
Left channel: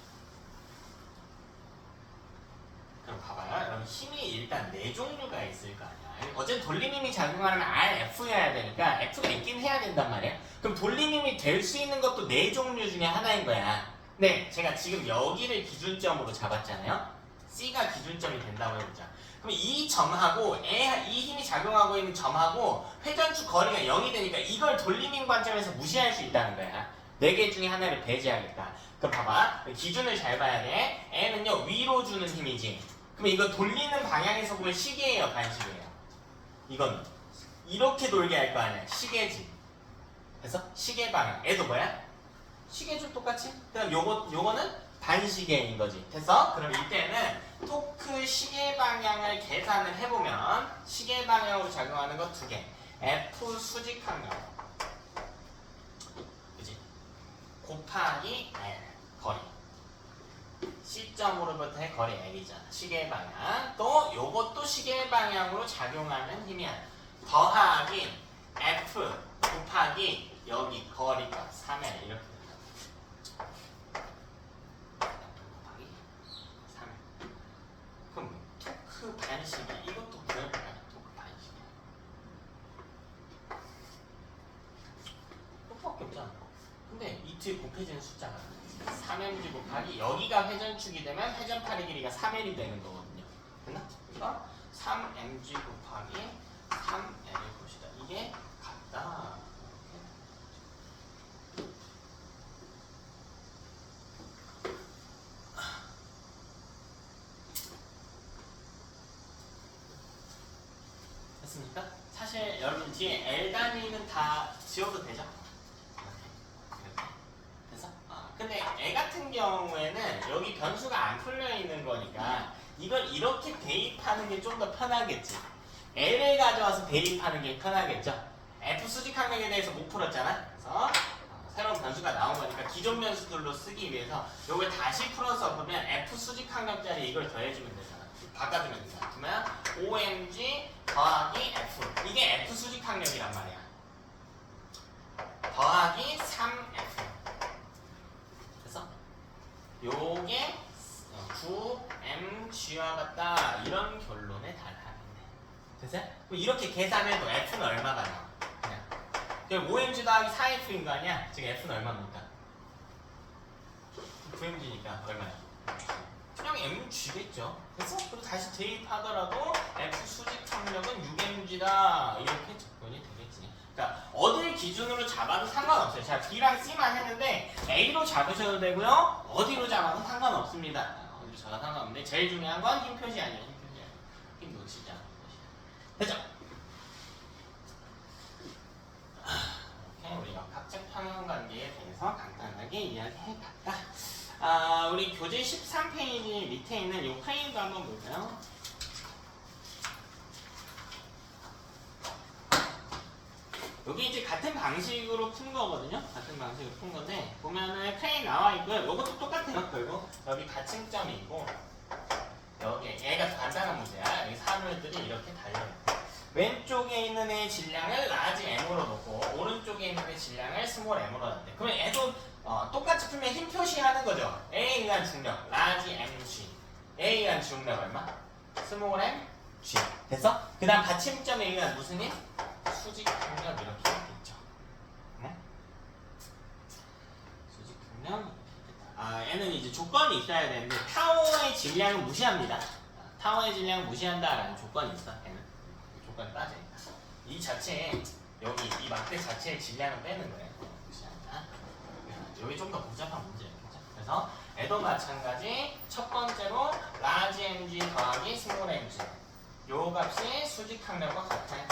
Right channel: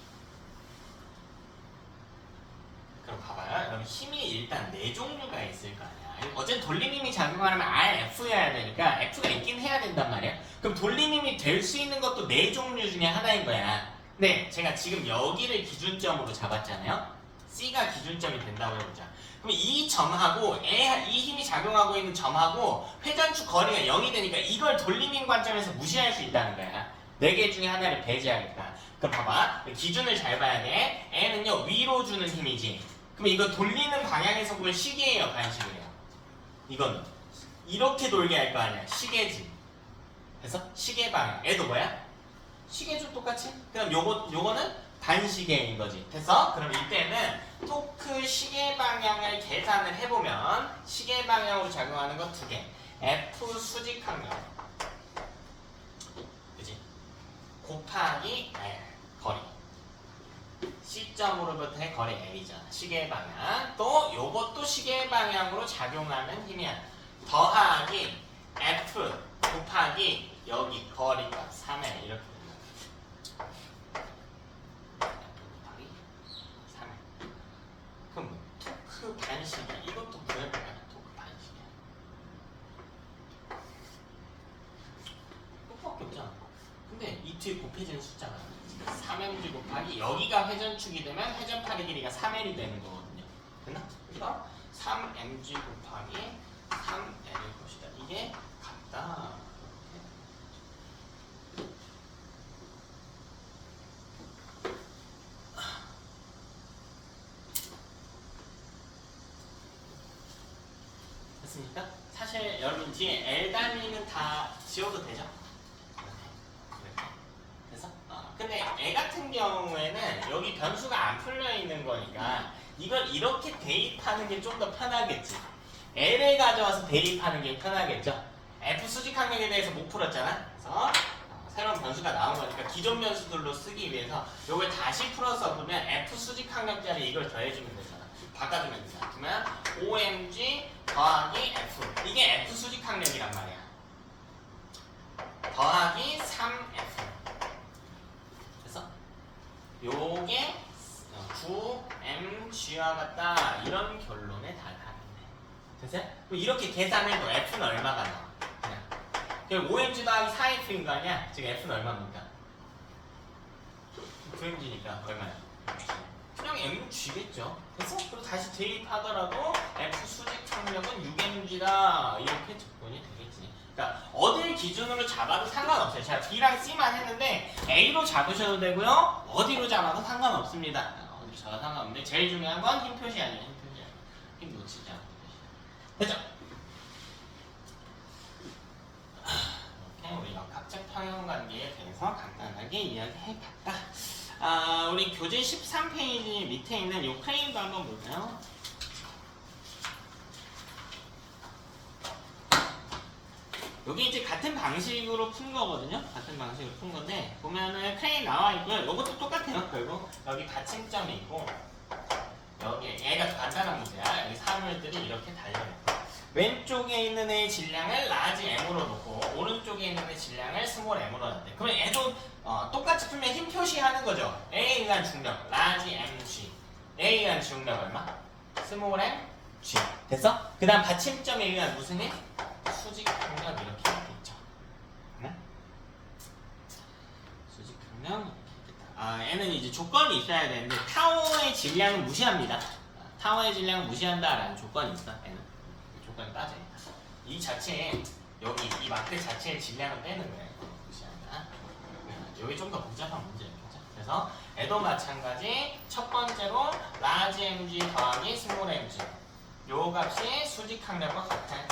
그럼 봐봐요. 여러분 힘이 일단 4종류가 있을 거 아니야. 어쨌든 돌림힘이 작용하려면 RF여야 되니까 F가 있긴 해야 된단 말이야. 그럼 돌림힘이 될 수 있는 것도 4종류 중에 하나인 거야. 네, 제가 지금 여기를 기준점으로 잡았잖아요. C가 기준점이 된다고 해보자. 그럼 이 점하고 이 힘이 작용하고 있는 점하고 회전축 거리가 0이 되니까 이걸 돌림힘 관점에서 무시할 수 있다는 거야. 4개 중에 하나를 배제하겠다. 그럼 봐봐. 기준을 잘 봐야 돼. N은요 위로 주는 힘이지. 그럼 이거 돌리는 방향에서 보면 시계예요, 반시계예요. 이건 이렇게 돌게 할 거 아니야. 시계지. 그래서 시계 방향. 얘도 뭐야? 시계줄 똑같이? 그럼 요거는 반시계인 거지. 됐어? 그럼 이때는 토크 시계 방향을 계산을 해보면 시계 방향으로 작용하는 거 2개. F 수직항력. 그지? 곱하기 L. 거리. C점으로부터의 거리 L이잖아. 시계 방향. 또 요것도 시계 방향으로 작용하는 힘이야. 더하기 F 곱하기 여기 거리가 3L 이렇게 된다. 그럼 토크 반시계 이것도 구해볼까요? 토크 반시계 똑밖에 없잖아. 근데 이 뒤에 곱해지는 숫자가 3mg 곱하기 여기가 회전축이 되면 회전팔의 길이가 3L이 되는 거거든요. 됐나? 그러니까 3mg 곱하기 3L을 봅시다. 이게 같다. 됐습니까? 사실 여러분 뒤에 L 단위는 다 지워도 되죠? 이렇게. 됐어? 근데 애 같은 경우에는 여기 변수가 안 풀려 있는 거니까 이걸 이렇게 대입하는 게 좀 더 편하겠지. L을 가져와서 대입하는 게 편하겠죠? F 수직항력에 대해서 못 풀었잖아? 그래서 새로운 변수가 나온 거니까 기존 변수들로 쓰기 위해서 이걸 다시 풀어서 보면 F 수직항력짜리 이걸 더해주면 되잖아. 바꿔주면 되잖아. 그러면 OMG 더하기 F. 이게 F 수직항력이란 말이야. 더하기 3F. 그래서 요게 9mg와 같다. 이런 결론에 달하는데. 됐어요? 그럼 이렇게 계산해도 F는 얼마가 나와? 그냥 5mg 더하기 4F인 거 아니야? 지금 F는 얼마입니까? 9mg니까 얼마야? 그냥 mg겠죠. 됐어? 그리고 다시 대입하더라도 F 수직항력은 6mg다. 이렇게 접근이 되겠지. 그러니까 어딜 기준으로 잡아도 상관없어요. 제가 B랑 C만 했는데 A로 잡으셔도 되고요. 어디로 잡아도 상관없습니다. 어디로 잡아도 상관없는데 제일 중요한 건 힘 표시 아니에요. 힘 표시. 힘 놓치지 않고. 됐죠? 이렇게 우리 역학적 평형관계에 대해서 간단하게 이야기해봤다. 우리 교재 13페이지 밑에 있는 이 프레임도 한번 볼까요? 여기 이제 같은 방식으로 푼 거거든요. 같은 방식으로 푼 건데 보면은 프레임 나와 있고요. 이것도 똑같아요. 결국 여기 받침점이 있고 여기 얘가 간단한 문제야. 여기 사물들이 이렇게 달려있고 왼쪽에 있는 애의 질량을 라지 m으로 놓고 오른쪽에 있는 애의 질량을 스몰 m으로 놨대. 그러면 얘도 똑같이 풀면 힘 표시하는 거죠. A에 의한 중력 라지 mg. A에 의한 중력 얼마? 스몰 m g. 됐어? 그 다음 받침점에 의한 무슨 힘? 수직 강력 이렇게 돼 있죠. 네? 수직 강력 이렇게 있겠다. 얘는 이제 조건이 있어야 되는데 타워의 질량은 무시합니다. 타워의 질량을 무시한다라는 조건이 있어. 얘는 조건을 따져. 이 자체에 여기 이 막대 자체의 질량을 빼는 거예요. 무시한다. 여기 좀 더 복잡한 문제예요. 그래서 얘도 마찬가지. 첫 번째로 라지 mg 더하기 스몰 mg. 요 값이 수직 항력과 같아요.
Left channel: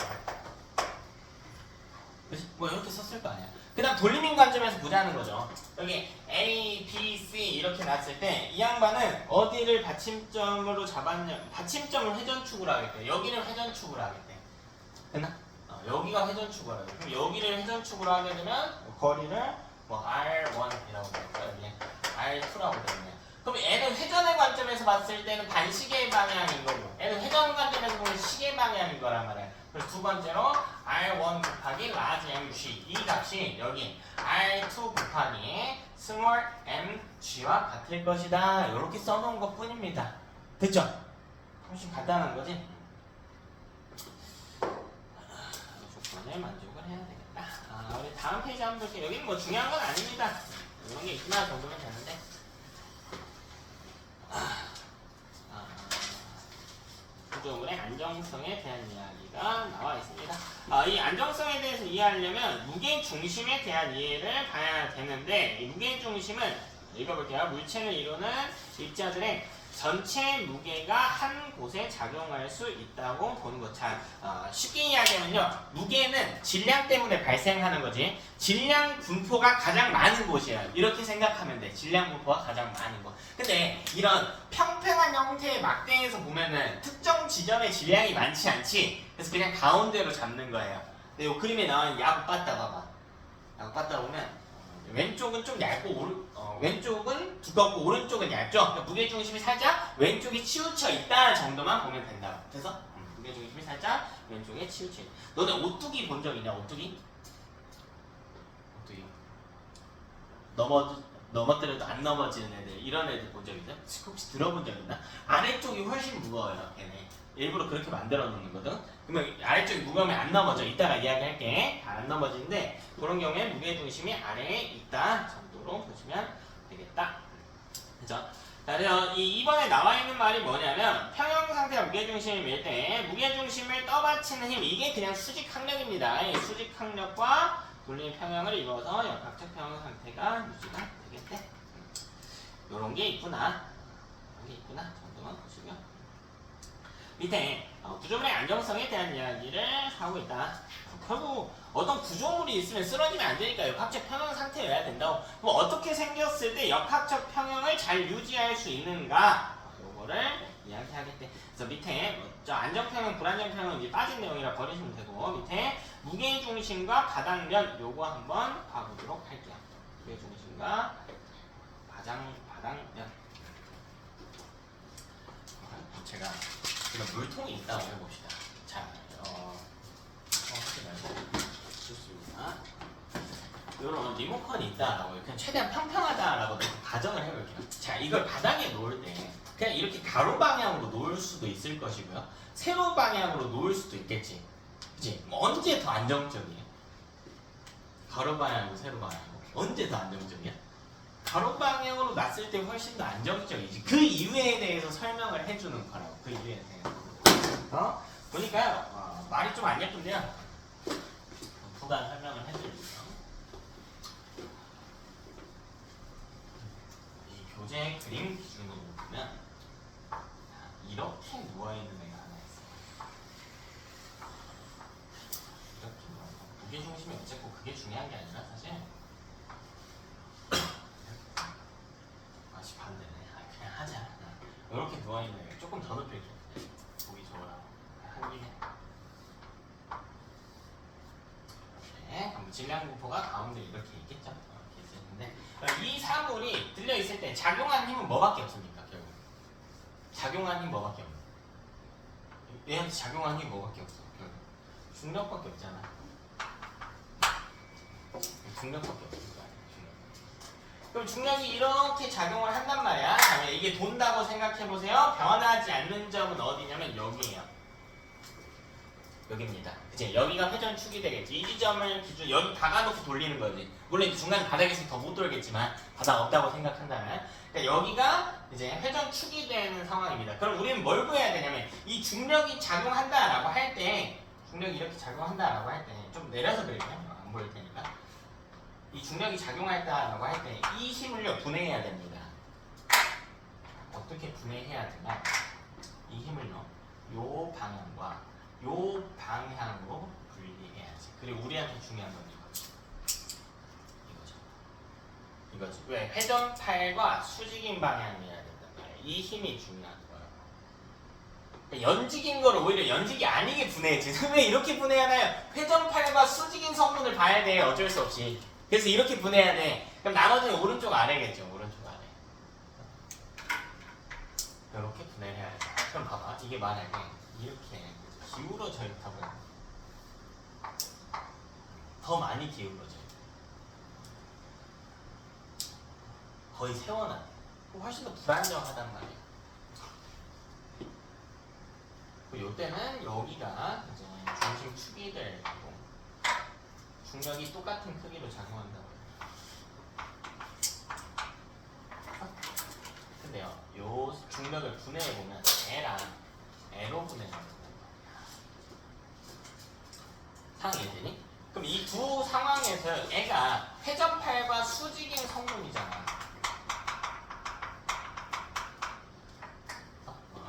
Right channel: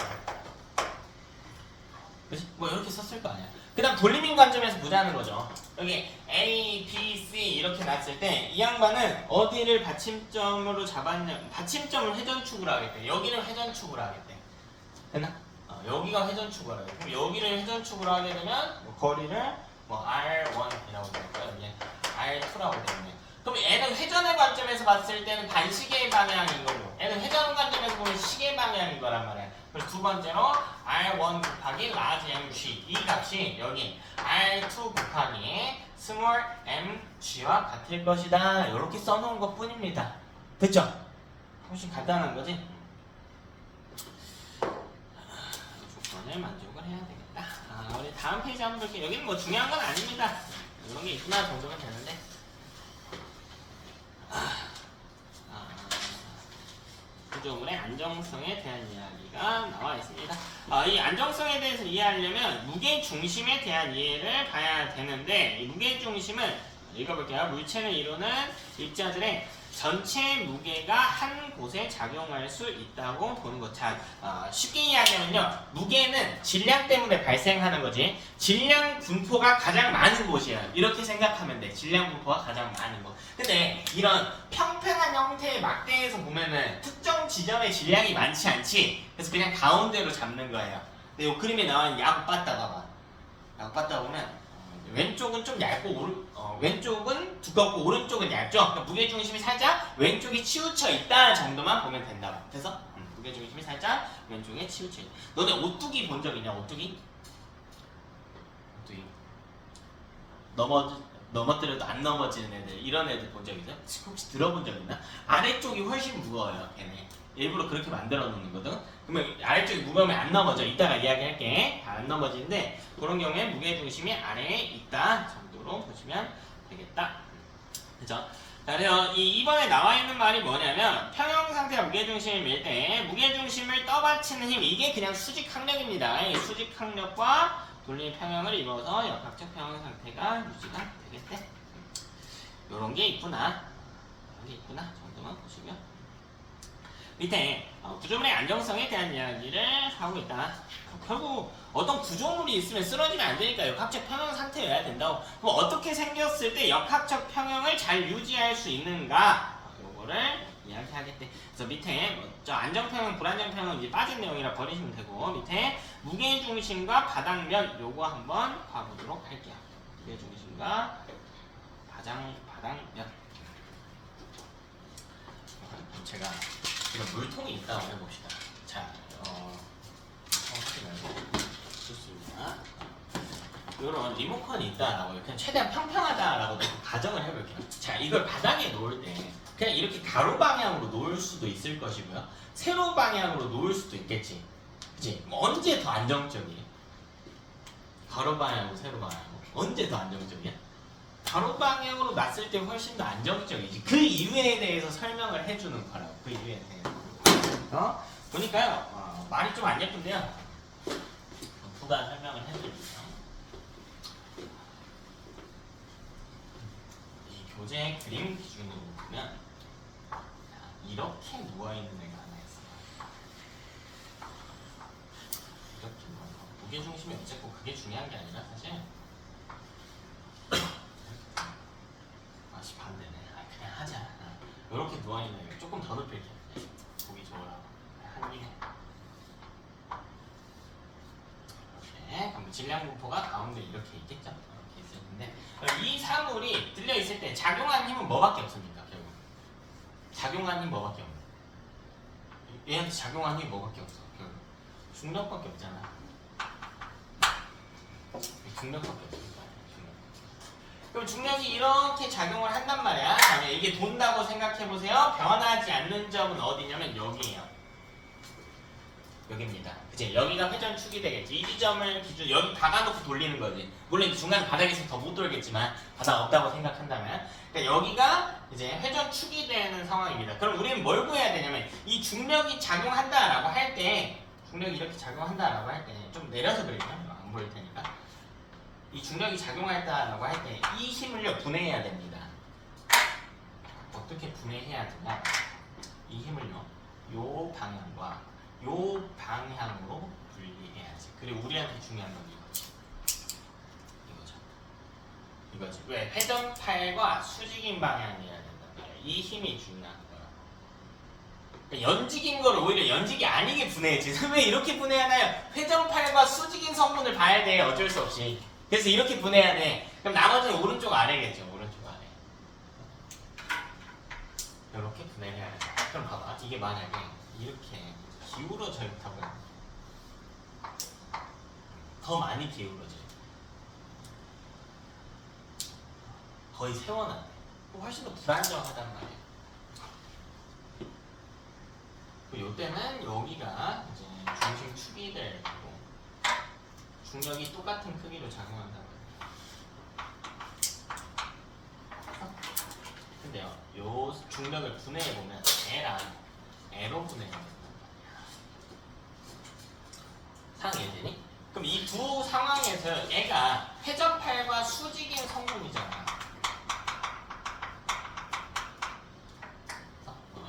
그치? 뭐 이렇게 썼을 거 아니야. 그 다음 볼리밍 관점에서 보자는 거죠. 여기 A, B, C 이렇게 놨을 때 이 양반은 어디를 받침점으로 잡았냐, 받침점을 회전축으로 하겠대. 여기를 회전축으로 하겠대. 됐나? 여기가 회전축으로 하겠대. 그럼 여기를 회전축으로 하게 되면 뭐 거리를 뭐 R1이라고 될까요? 여기 R2라고 되겠네. 그럼 얘는 회전의 관점에서 봤을 때는 반시계 방향인 거고, 얘는 회전 관점에서 보면 시계 방향인 거란 말이야. 그래서 두 번째로 R1 곱하기 라지 mg 이 값이 여기 R2 곱하기 스몰 mg와 같을 것이다. 이렇게 써놓은 것 뿐입니다. 됐죠? 훨씬 간단한 거지? 조건을 만족을 해야 되겠다. 우리 다음 페이지 한번 볼게요. 여기는 뭐 중요한 건 아닙니다. 이런 게 있구나 정도면 되는데. 구조물의 안정성에 대한 이야기가 나와 있습니다. 이 안정성에 대해서 이해하려면 무게 중심에 대한 이해를 봐야 되는데, 이 무게 중심은 읽어볼게요. 물체를 이루는 입자들의 전체 무게가 한 곳에 작용할 수 있다고 보는 것. 자, 쉽게 이야기하면요, 무게는 질량 때문에 발생하는 거지. 질량 분포가 가장 많은 곳이야. 이렇게 생각하면 돼. 질량 분포가 가장 많은 곳. 근데 이런 평평한 형태의 막대에서 보면은 특정 지점에 질량이 많지 않지. 그래서 그냥 가운데로 잡는 거예요. 근데 이 그림에 나와 있는 야구 빠따 봐봐. 야구 빠따 보면 왼쪽은 좀 얇고 왼쪽은 두껍고 오른쪽은 얇죠. 그러니까 무게중심이 살짝 왼쪽이 치우쳐 있다 정도만 보면 된다. 그래서 무게중심이 살짝 왼쪽에 치우쳐 있다. 너네 오뚜기 본 적 있냐? 오뚜기? 오뚜기 넘어뜨려도 안 넘어지는 애들, 이런 애들 본 적 있어요? 혹시 들어본 적 있나? 아래쪽이 훨씬 무거워요. 걔네 일부러 그렇게 만들어 놓은 거거든. 그러면 아래쪽이 무거우면 안 넘어져. 이따가 이야기할게. 안 넘어지는데 그런 경우에 무게중심이 아래에 있다 정도로 보시면 되겠다. 그죠? 자, 그래서 이번에 나와 있는 말이 뭐냐면 평형 상태가 무게중심을 밀 때 무게중심을 떠받치는 힘, 이게 그냥 수직 항력입니다. 이 수직 항력과 돌림 평형을 이루어서 역학적 평형 상태가 유지가 되겠대. 요런 게 있구나. 이런 게 있구나 정도만 보시고요. 밑에 구조물의 안정성에 대한 이야기를 하고 있다. 결국 어떤 구조물이 있으면 쓰러지면 안 되니까 역학적 평형 상태여야 된다고. 그럼 어떻게 생겼을 때 역학적 평형을 잘 유지할 수 있는가? 요거를 이야기하겠대. 그래서 밑에 저 안정평형, 불안정평형은 이제 빠진 내용이라 버리시면 되고, 밑에 무게중심과 바닥면 요거 한번 봐보도록 할게요. 무게중심과 바닥면. 제가 지금 물통이 있다고 해봅시다. 자, 하지 말고 좋습니다. 이런 리모컨이 있다라고 그냥 최대한 평평하다라고 가정을 해볼게요. 자, 이걸 바닥에 놓을 때 그냥 이렇게 가로 방향으로 놓을 수도 있을 것이고요. 세로 방향으로 놓을 수도 있겠지. 그치? 언제 더 안정적이에요? 가로 방향으로 세로 방향으로 언제 더 안정적이야? 가로 방향으로 놨을 때 훨씬 더 안정적이지. 그 이유에 대해서 설명을 해주는 거라고. 그 이유에 대해서. 보니까요, 말이 좀 안 예쁜데요. 부가 설명을 해드릴게요. 이 교재 그림 기준으로 보면 이렇게 누워있는 애가 하나 있어요. 이렇게 누워있는 거. 무게중심이 어쨌고 그게 중요한 게 아니라 사실 반대네. 그냥 하자. 이렇게 누워있는 애가 조금 더 높일게요. 보기 좋으라고. 한 입에. 네, 그럼 질량 분포가 가운데 이렇게 있겠죠? 이렇게 있었는데 이 사물이 들려 있을 때 작용하는 힘은 뭐밖에 없습니까? 결국 작용하는 힘 뭐밖에 없나? 얘한테 작용하는 힘이 뭐밖에 없어? 결국 중력밖에 없잖아. 중력밖에 없으니까. 그럼 중력이 이렇게 작용을 한단 말이야. 다음에 이게 돈다고 생각해 보세요. 변하지 않는 점은 어디냐면 여기예요. 여기입니다. 그치? 여기가 회전축이 되겠지. 이 지점을 기준 여기 박아놓고 돌리는 거지. 물론 이제 중간 바닥에서 더 못 돌겠지만 바닥 없다고 생각한다면, 그러니까 여기가 이제 회전축이 되는 상황입니다. 그럼 우리는 뭘 구해야 되냐면 이 중력이 작용한다라고 할 때, 중력이 이렇게 작용한다라고 할 때 좀 내려서 그릴게요. 안 보일 테니까. 이 중력이 작용한다라고 할 때 이 힘을요 분해해야 됩니다. 어떻게 분해해야 되냐? 이 힘을요 요 방향과 요 방향으로 분리해야지. 그리고 우리한테 중요한 건 이거지. 이거지. 왜? 회전팔과 수직인 방향이어야 된단 말이야. 이 힘이 중요한 거야. 그러니까 연직인 거를 오히려 연직이 아니게 분해해지. 왜 이렇게 분해하나요? 회전팔과 수직인 성분을 봐야 돼. 어쩔 수 없이. 그래서 이렇게 분해해야 돼. 그럼 나머지는 오른쪽 아래겠죠. 오른쪽 아래. 이렇게 분해를 해야 돼. 그럼 봐봐. 이게 만약에 이렇게 기울어져 있다고 더 많이 기울어져. 거의 세워놨네. 훨씬 더 불안정하단 말이에요. 이때는 여기가 이제 중심축이 될 거고 중력이 똑같은 크기로 작용한다고 해요. 근데요, 요 중력을 분해해보면 L로 분해가 된단 말이야. 상이해되니? 그럼 이 두 상황에서 애가 회전팔과 수직인 성분이잖아.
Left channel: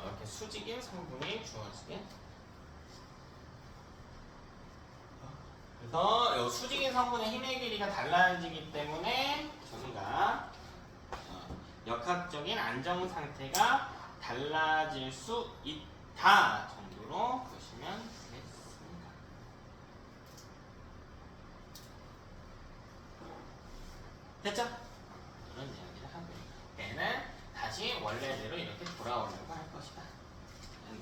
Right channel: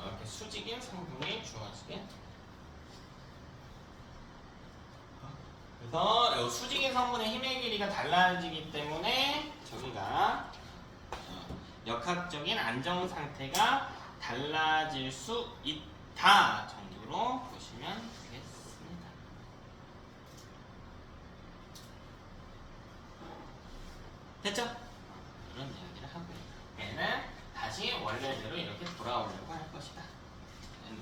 이렇게 수직인 성분이 주어지게. 그래서 수직인 성분의 힘의 길이가 달라지기 때문에 저기가 역학적인 안정 상태가 달라질 수 있다 정도로 보시면 되겠습니다. 됐죠? 이런 이야기를 하고 얘는 다시 원래대로 이렇게 돌아오려고 할 것이다.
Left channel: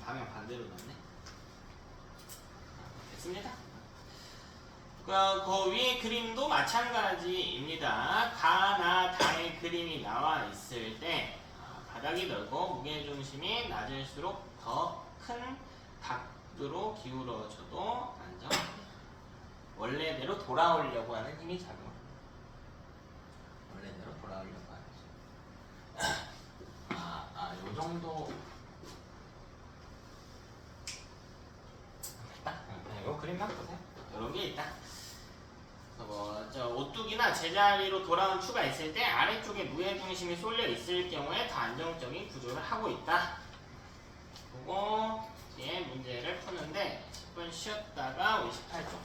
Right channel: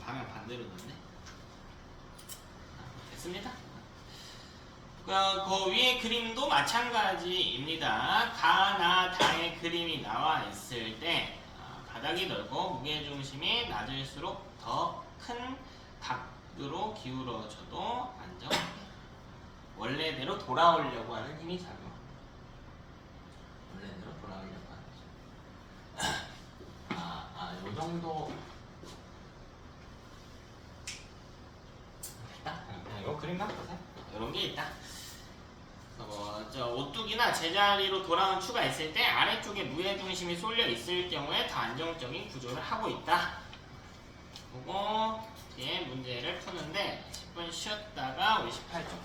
방향 반대로 넣네. 됐습니다. 그 위에 그림도 마찬가지입니다. 가나 다의 그림이 나와 있을 때 바닥이 넓고 무게중심이 낮을수록 더 큰 닭으로 기울어져도 안정돼. 원래대로 돌아오려고 하는 힘이 작용. 원래대로 돌아오려고 하는 힘. 요 정도. 됐다. 이거 그림 나쁘세요. 이런 게 있다. 오뚜기나 제자리로 돌아온 추가 있을 때 아래쪽에 무게중심이 쏠려 있을 경우에 더 안정적인 구조를 하고 있다. 그리고 뒤에 문제를 푸는데 10분 쉬었다가 우리 18쪽